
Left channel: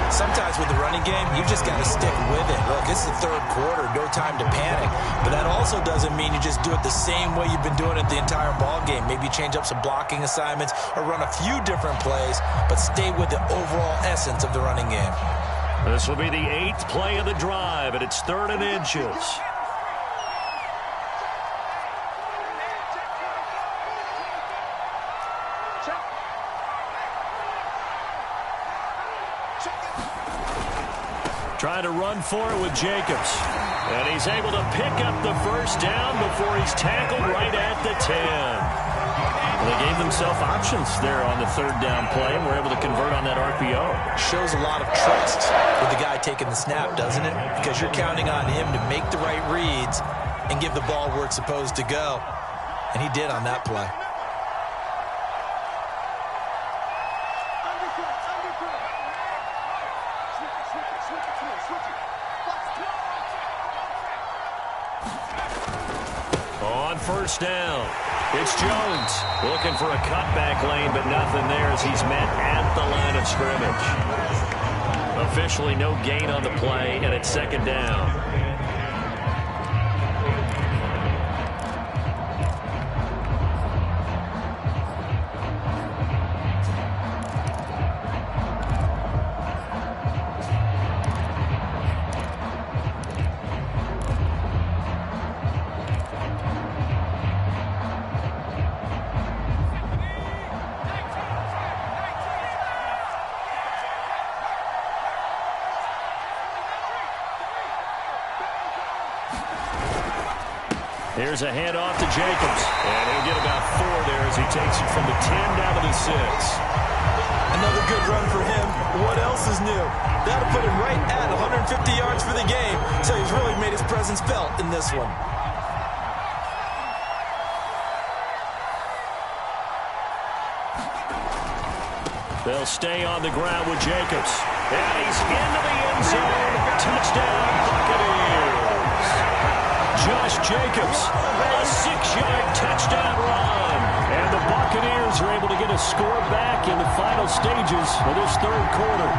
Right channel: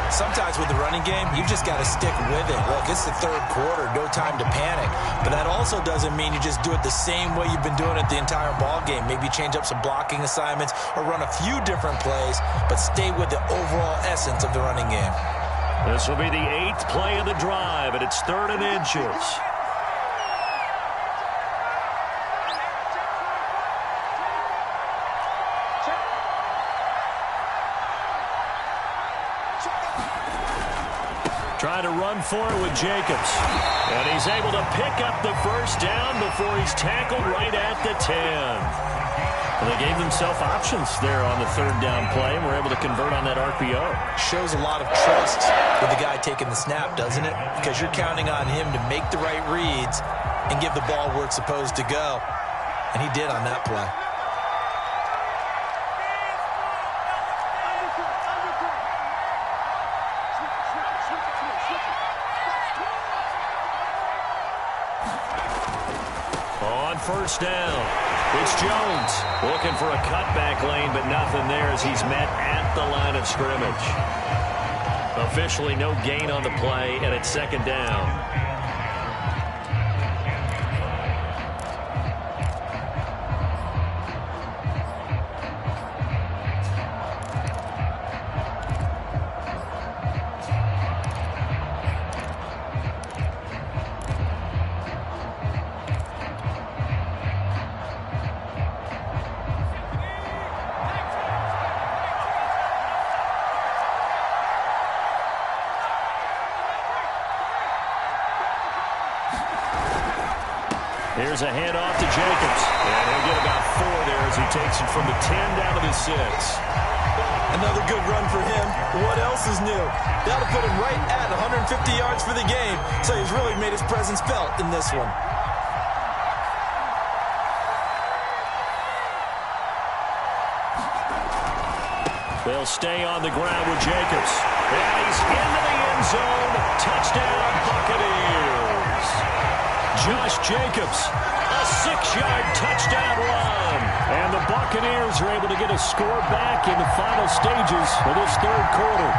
Sometimes with the running game, you just got to stick with it. Look, it's the 3rd quarter, no time to panic. But that also doesn't mean you just do it the same way you've been doing it the entire ball game. Maybe change up some blocking assignments or run a few different plays, but stay with the overall essence of the running game. This will be the 8th play of the drive, and it's 3rd and inches. Trying to run for it with Jacobs. And he's able to pick up the first down before he's tackled right at the 10. And they gave themselves options there on the 3rd down play, and were able to convert on that RPO. Shows a lot of trust with the guy taking the snap, doesn't it? Because you're counting on him to make the right reads and give the ball where it's supposed to go. And he did on that play. On first down, it's Jones looking for a cutback lane, but nothing there as he's met at the line of scrimmage. Officially no gain on the play, and it's 2nd down. Here's a handoff to Jacobs. And he'll get about 4 there as he takes it from the 10 down to the 6. Another good run for him. What else is new? That'll put him right at 150 yards for the game. So he's really made his presence felt in this one. They'll stay on the ground with Jacobs. And he's into the end zone. Touchdown, Buccaneers. Josh Jacobs, a 6-yard touchdown run. And the Buccaneers are able to get a score back in the final stages of this 3rd quarter.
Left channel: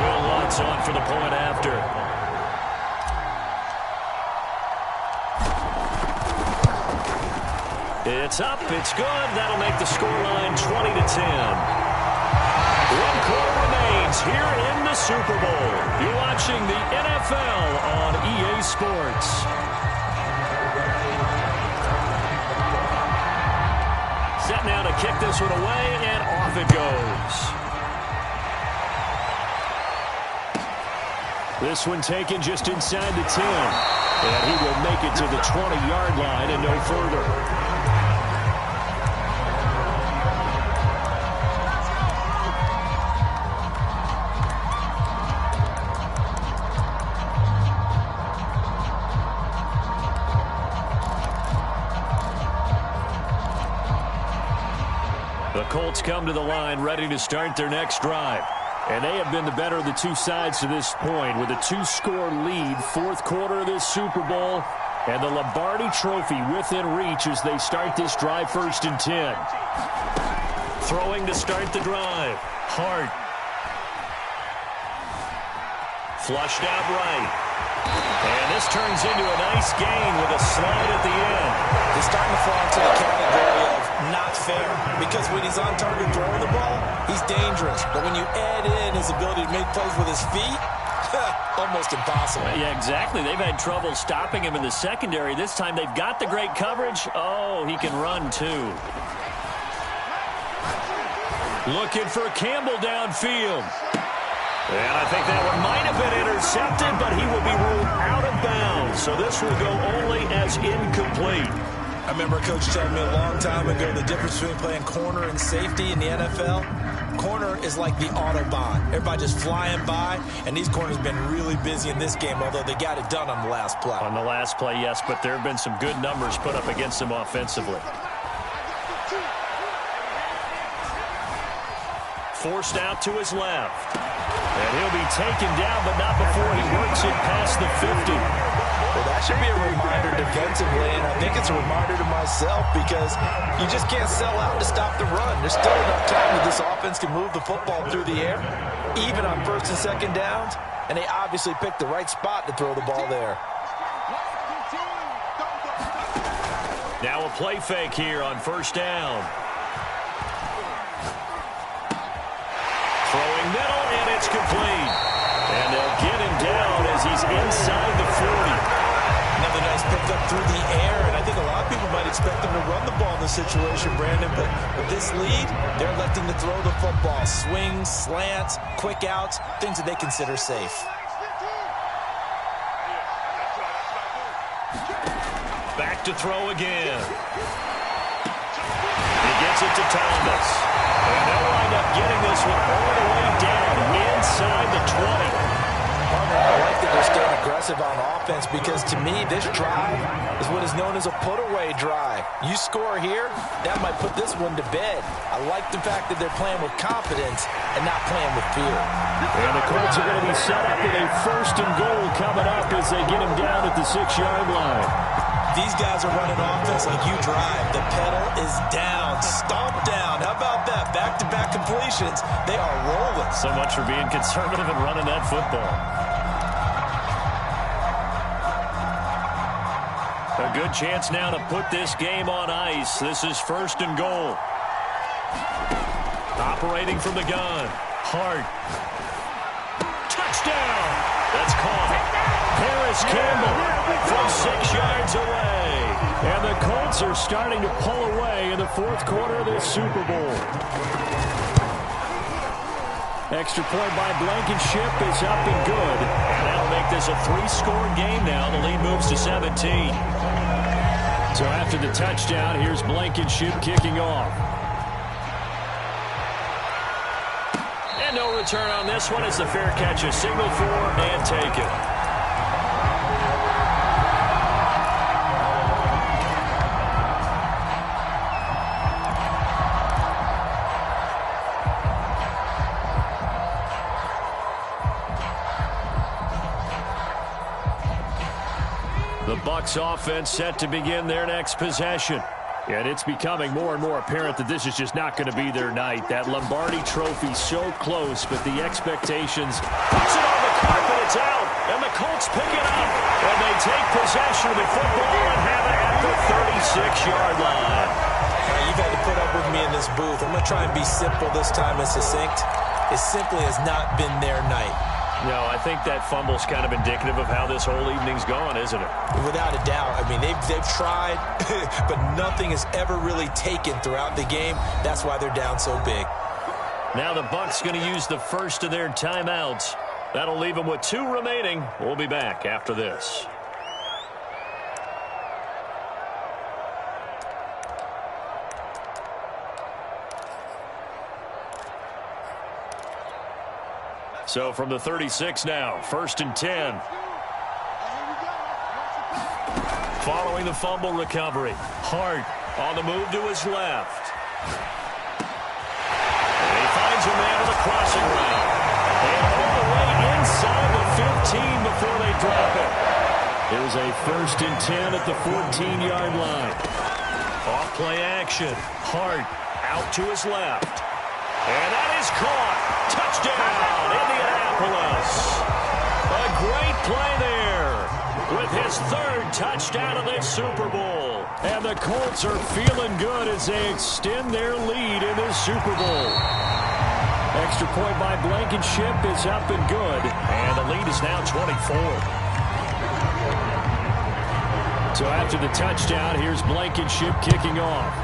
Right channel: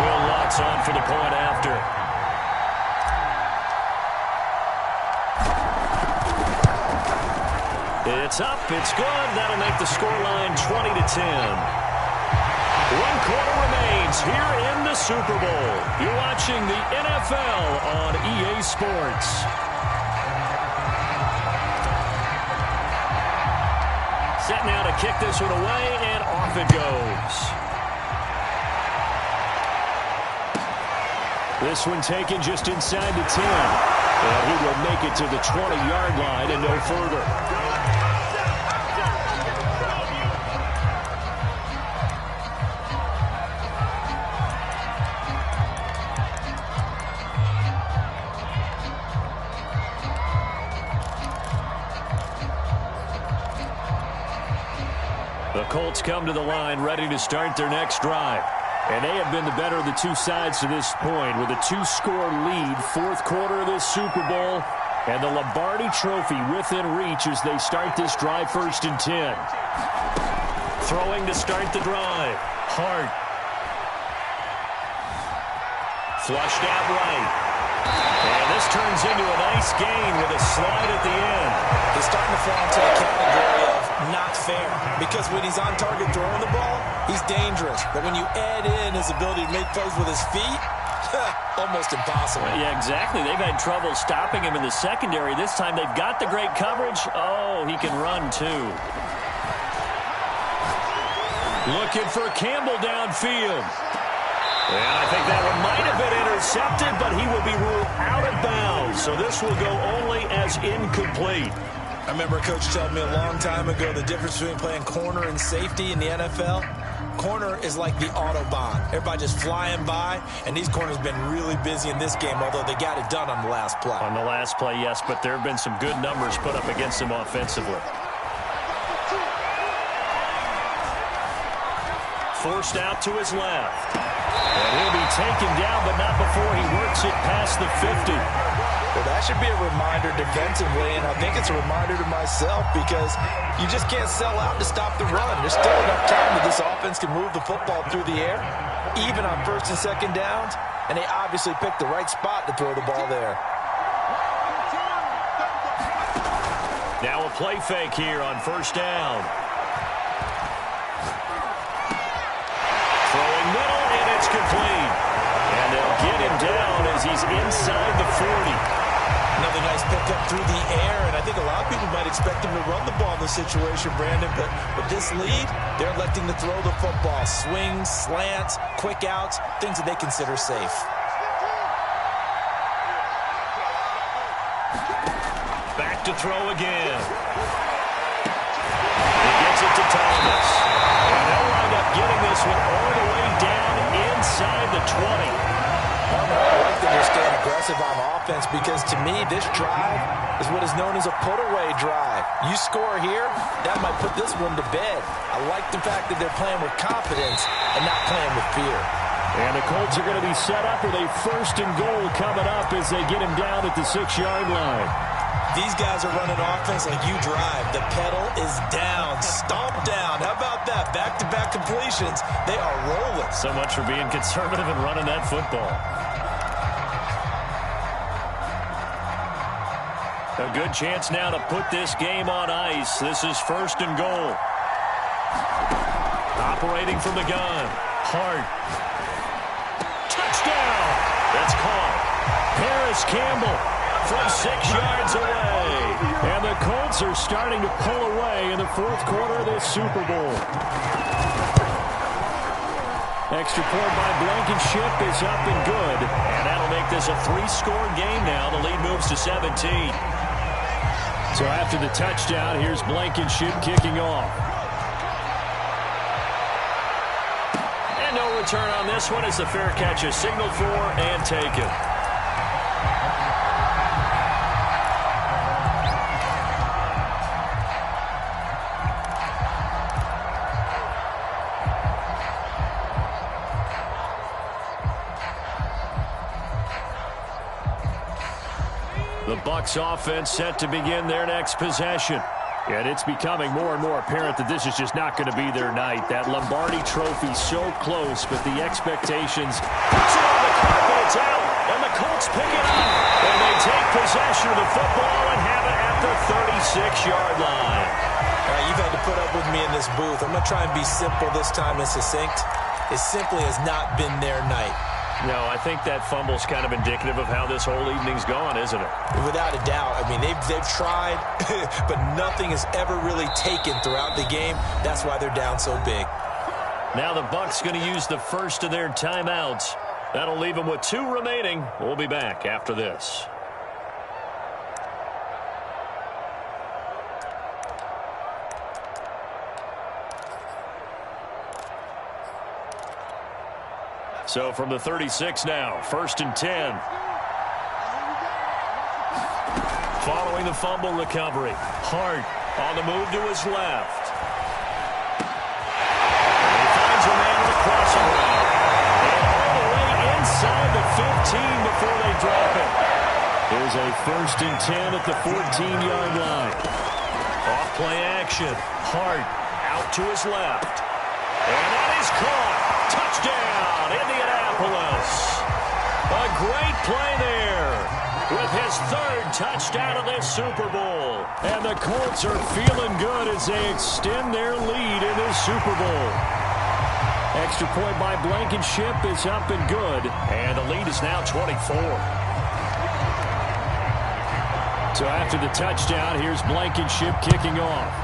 Will Lutz on for the point after. It's up, it's good. That'll make the scoreline 20-10. 1 quarter remains here in the Super Bowl. You're watching the NFL on EA Sports. Set now to kick this one away, and off it goes. This one taken just inside the 10. And he will make it to the 20-yard line and no further. The Colts come to the line ready to start their next drive. And they have been the better of the two sides to this point with a 2-score lead, 4th quarter of this Super Bowl, and the Lombardi Trophy within reach as they start this drive 1st and 10. Throwing to start the drive. Hart. Flushed out right. And this turns into a nice gain with a slide at the end. He's starting to fall into the category of not fair, because when he's on target throwing the ball, he's dangerous. But when you add in his ability to make plays with his feet, almost impossible. Yeah, exactly. They've had trouble stopping him in the secondary. This time they've got the great coverage. Oh, he can run too. Looking for Campbell downfield. And I think that one might have been intercepted, but he will be ruled out of bounds. So this will go only as incomplete. I remember a coach telling me a long time ago the difference between playing corner and safety in the NFL. Corner is like the Autobahn. Everybody just flying by, and these corners have been really busy in this game, although they got it done on the last play. On the last play, yes, but there have been some good numbers put up against them offensively. Forced out to his left. And he'll be taken down, but not before he works it past the 50. Well, that should be a reminder defensively, and I think it's a reminder to myself because you just can't sell out to stop the run. There's still enough time that this offense can move the football through the air, even on first and second downs, and they obviously picked the right spot to throw the ball there. Now a play fake here on first down. Throwing middle, and it's complete. And they'll get him down as he's inside the 40. Another nice pickup through the air, and I think a lot of people might expect them to run the ball in this situation, Brandon, but with this lead, they're electing to throw the football. Swings, slants, quick outs, things that they consider safe. Back to throw again. He gets it to Thomas. And they'll wind up getting this one all the way down inside the 20. Partner, I like that they're staying aggressive on offense because, to me, this drive is what is known as a put-away drive. You score here, that might put this one to bed. I like the fact that they're playing with confidence and not playing with fear. And the Colts are going to be set up with a 1st and goal coming up as they get him down at the 6-yard line. These guys are running offense like you drive. The pedal is down, stomp down. How about that? Back-to-back completions. They are rolling. So much for being conservative and running that football. A good chance now to put this game on ice. This is 1st and goal. Operating from the gun. Hart. Touchdown. That's caught. Paris Campbell from 6 yards away. And the Colts are starting to pull away in the 4th quarter of this Super Bowl. Extra point by Blankenship is up and good. And that'll make this a 3-score game now. The lead moves to 17. So after the touchdown, here's Blankenship kicking off. And no return on this one. It's a fair catch, a signal for and taken. The Bucs offense set to begin their next possession. And it's becoming more and more apparent that this is just not going to be their night. That Lombardi trophy so close, but the expectations. Puts it on the carpet, it's out, and the Colts pick it up. And they take possession of the football and have it at the 36-yard line. All right, you've had to put up with me in this booth. I'm going to try and be simple this time and succinct. It simply has not been their night. No, I think that fumble's kind of indicative of how this whole evening's gone, isn't it? Without a doubt. I mean, they've tried, but nothing is ever really taken throughout the game. That's why they're down so big. Now the Bucs going to use the first of their timeouts. That'll leave them with 2 remaining. We'll be back after this. So from the 36 now, 1st and 10. Following the fumble recovery, Hart on the move to his left. And he finds a man with a crossing route. And all the way inside the 15 before they drop it. Here's a 1st and 10 at the 14-yard line. Off play action. Hart out to his left. And that is caught. Touchdown, Indianapolis. A great play there with his 3rd touchdown of this Super Bowl. And the Colts are feeling good as they extend their lead in this Super Bowl. Extra point by Blankenship is up and good. And the lead is now 24. So after the touchdown, here's Blankenship kicking off.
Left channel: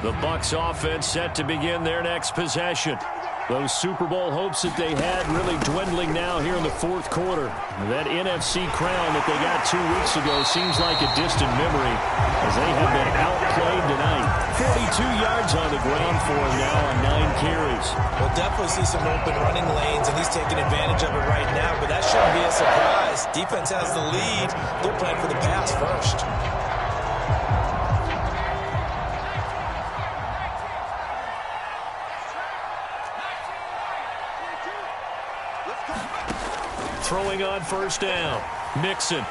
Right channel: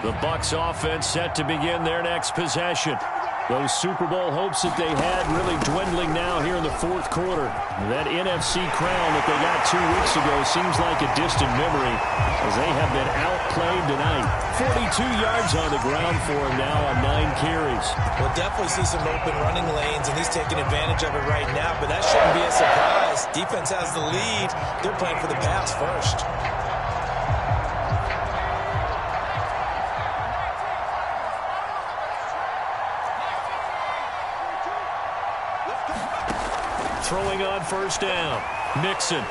The Bucs offense set to begin their next possession. Those Super Bowl hopes that they had really dwindling now here in the fourth quarter. That NFC crown that they got 2 weeks ago seems like a distant memory as they have been outplayed tonight. 42 yards on the ground for him now on 9 carries. We'll definitely see some open running lanes, and he's taking advantage of it right now, but that shouldn't be a surprise. Defense has the lead. They're playing for the pass first. Throwing on first down. Mixon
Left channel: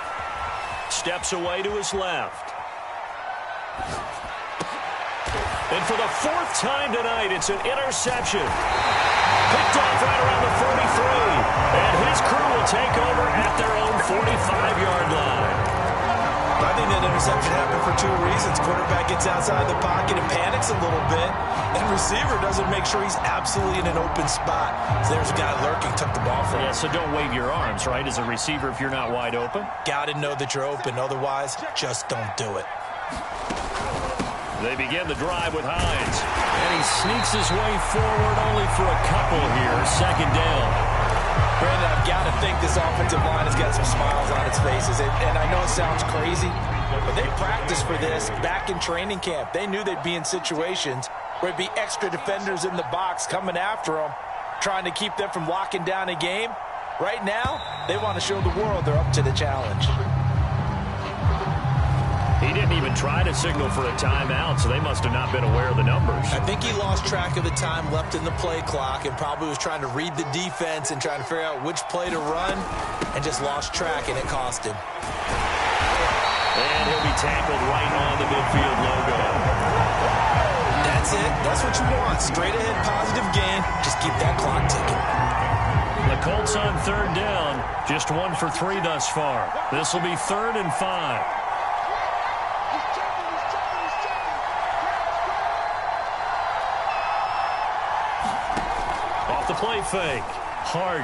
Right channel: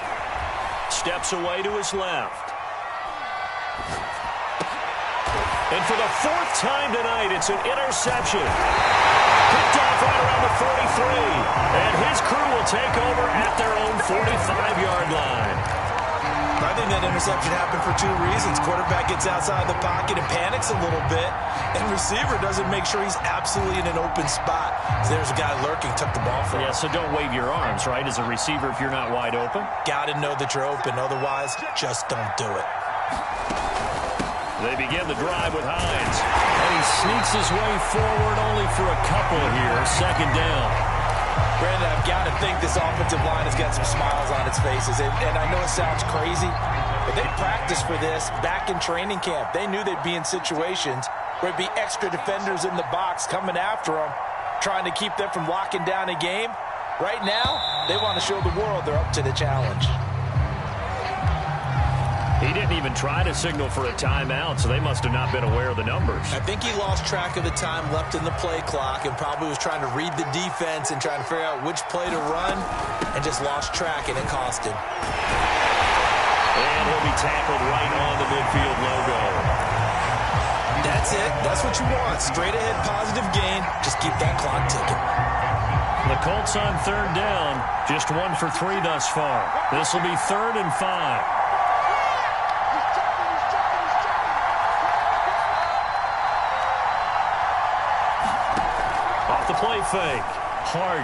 steps away to his left. And for the 4th time tonight, it's an interception. Picked off right around the 43. And his crew will take over at their own 45-yard line. I think that interception happened for 2 reasons. Quarterback gets outside the pocket and panics a little bit, and receiver doesn't make sure he's absolutely in an open spot. So there's a guy lurking, took the ball from him. Yeah, so don't wave your arms, right, as a receiver if you're not wide open. Got to know that you're open. Otherwise, just don't do it. They begin the drive with Hines, and he sneaks his way forward only for a couple here. Second down. Brandon, I've got to think this offensive line has got some smiles on its faces. And I know it sounds crazy, but they practiced for this back in training camp. They knew they'd be in situations where it'd be extra defenders in the box coming after them, trying to keep them from locking down a game. Right now, they want to show the world they're up to the challenge. He didn't even try to signal for a timeout, so they must have not been aware of the numbers. I think he lost track of the time left in the play clock and probably was trying to read the defense and trying to figure out which play to run and just lost track, and it cost him. And he'll be tackled right on the midfield logo. That's it. That's what you want. Straight ahead positive gain. Just keep that clock ticking. The Colts on 3rd down. Just 1 for 3 thus far. This will be 3rd and 5. Off the play fake. Hart.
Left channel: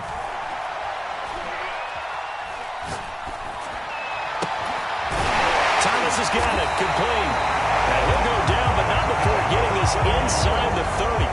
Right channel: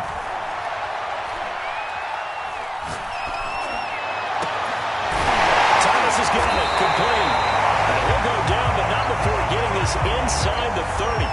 Thomas has got it. Complete. And he'll go down, but not before getting this inside the 30.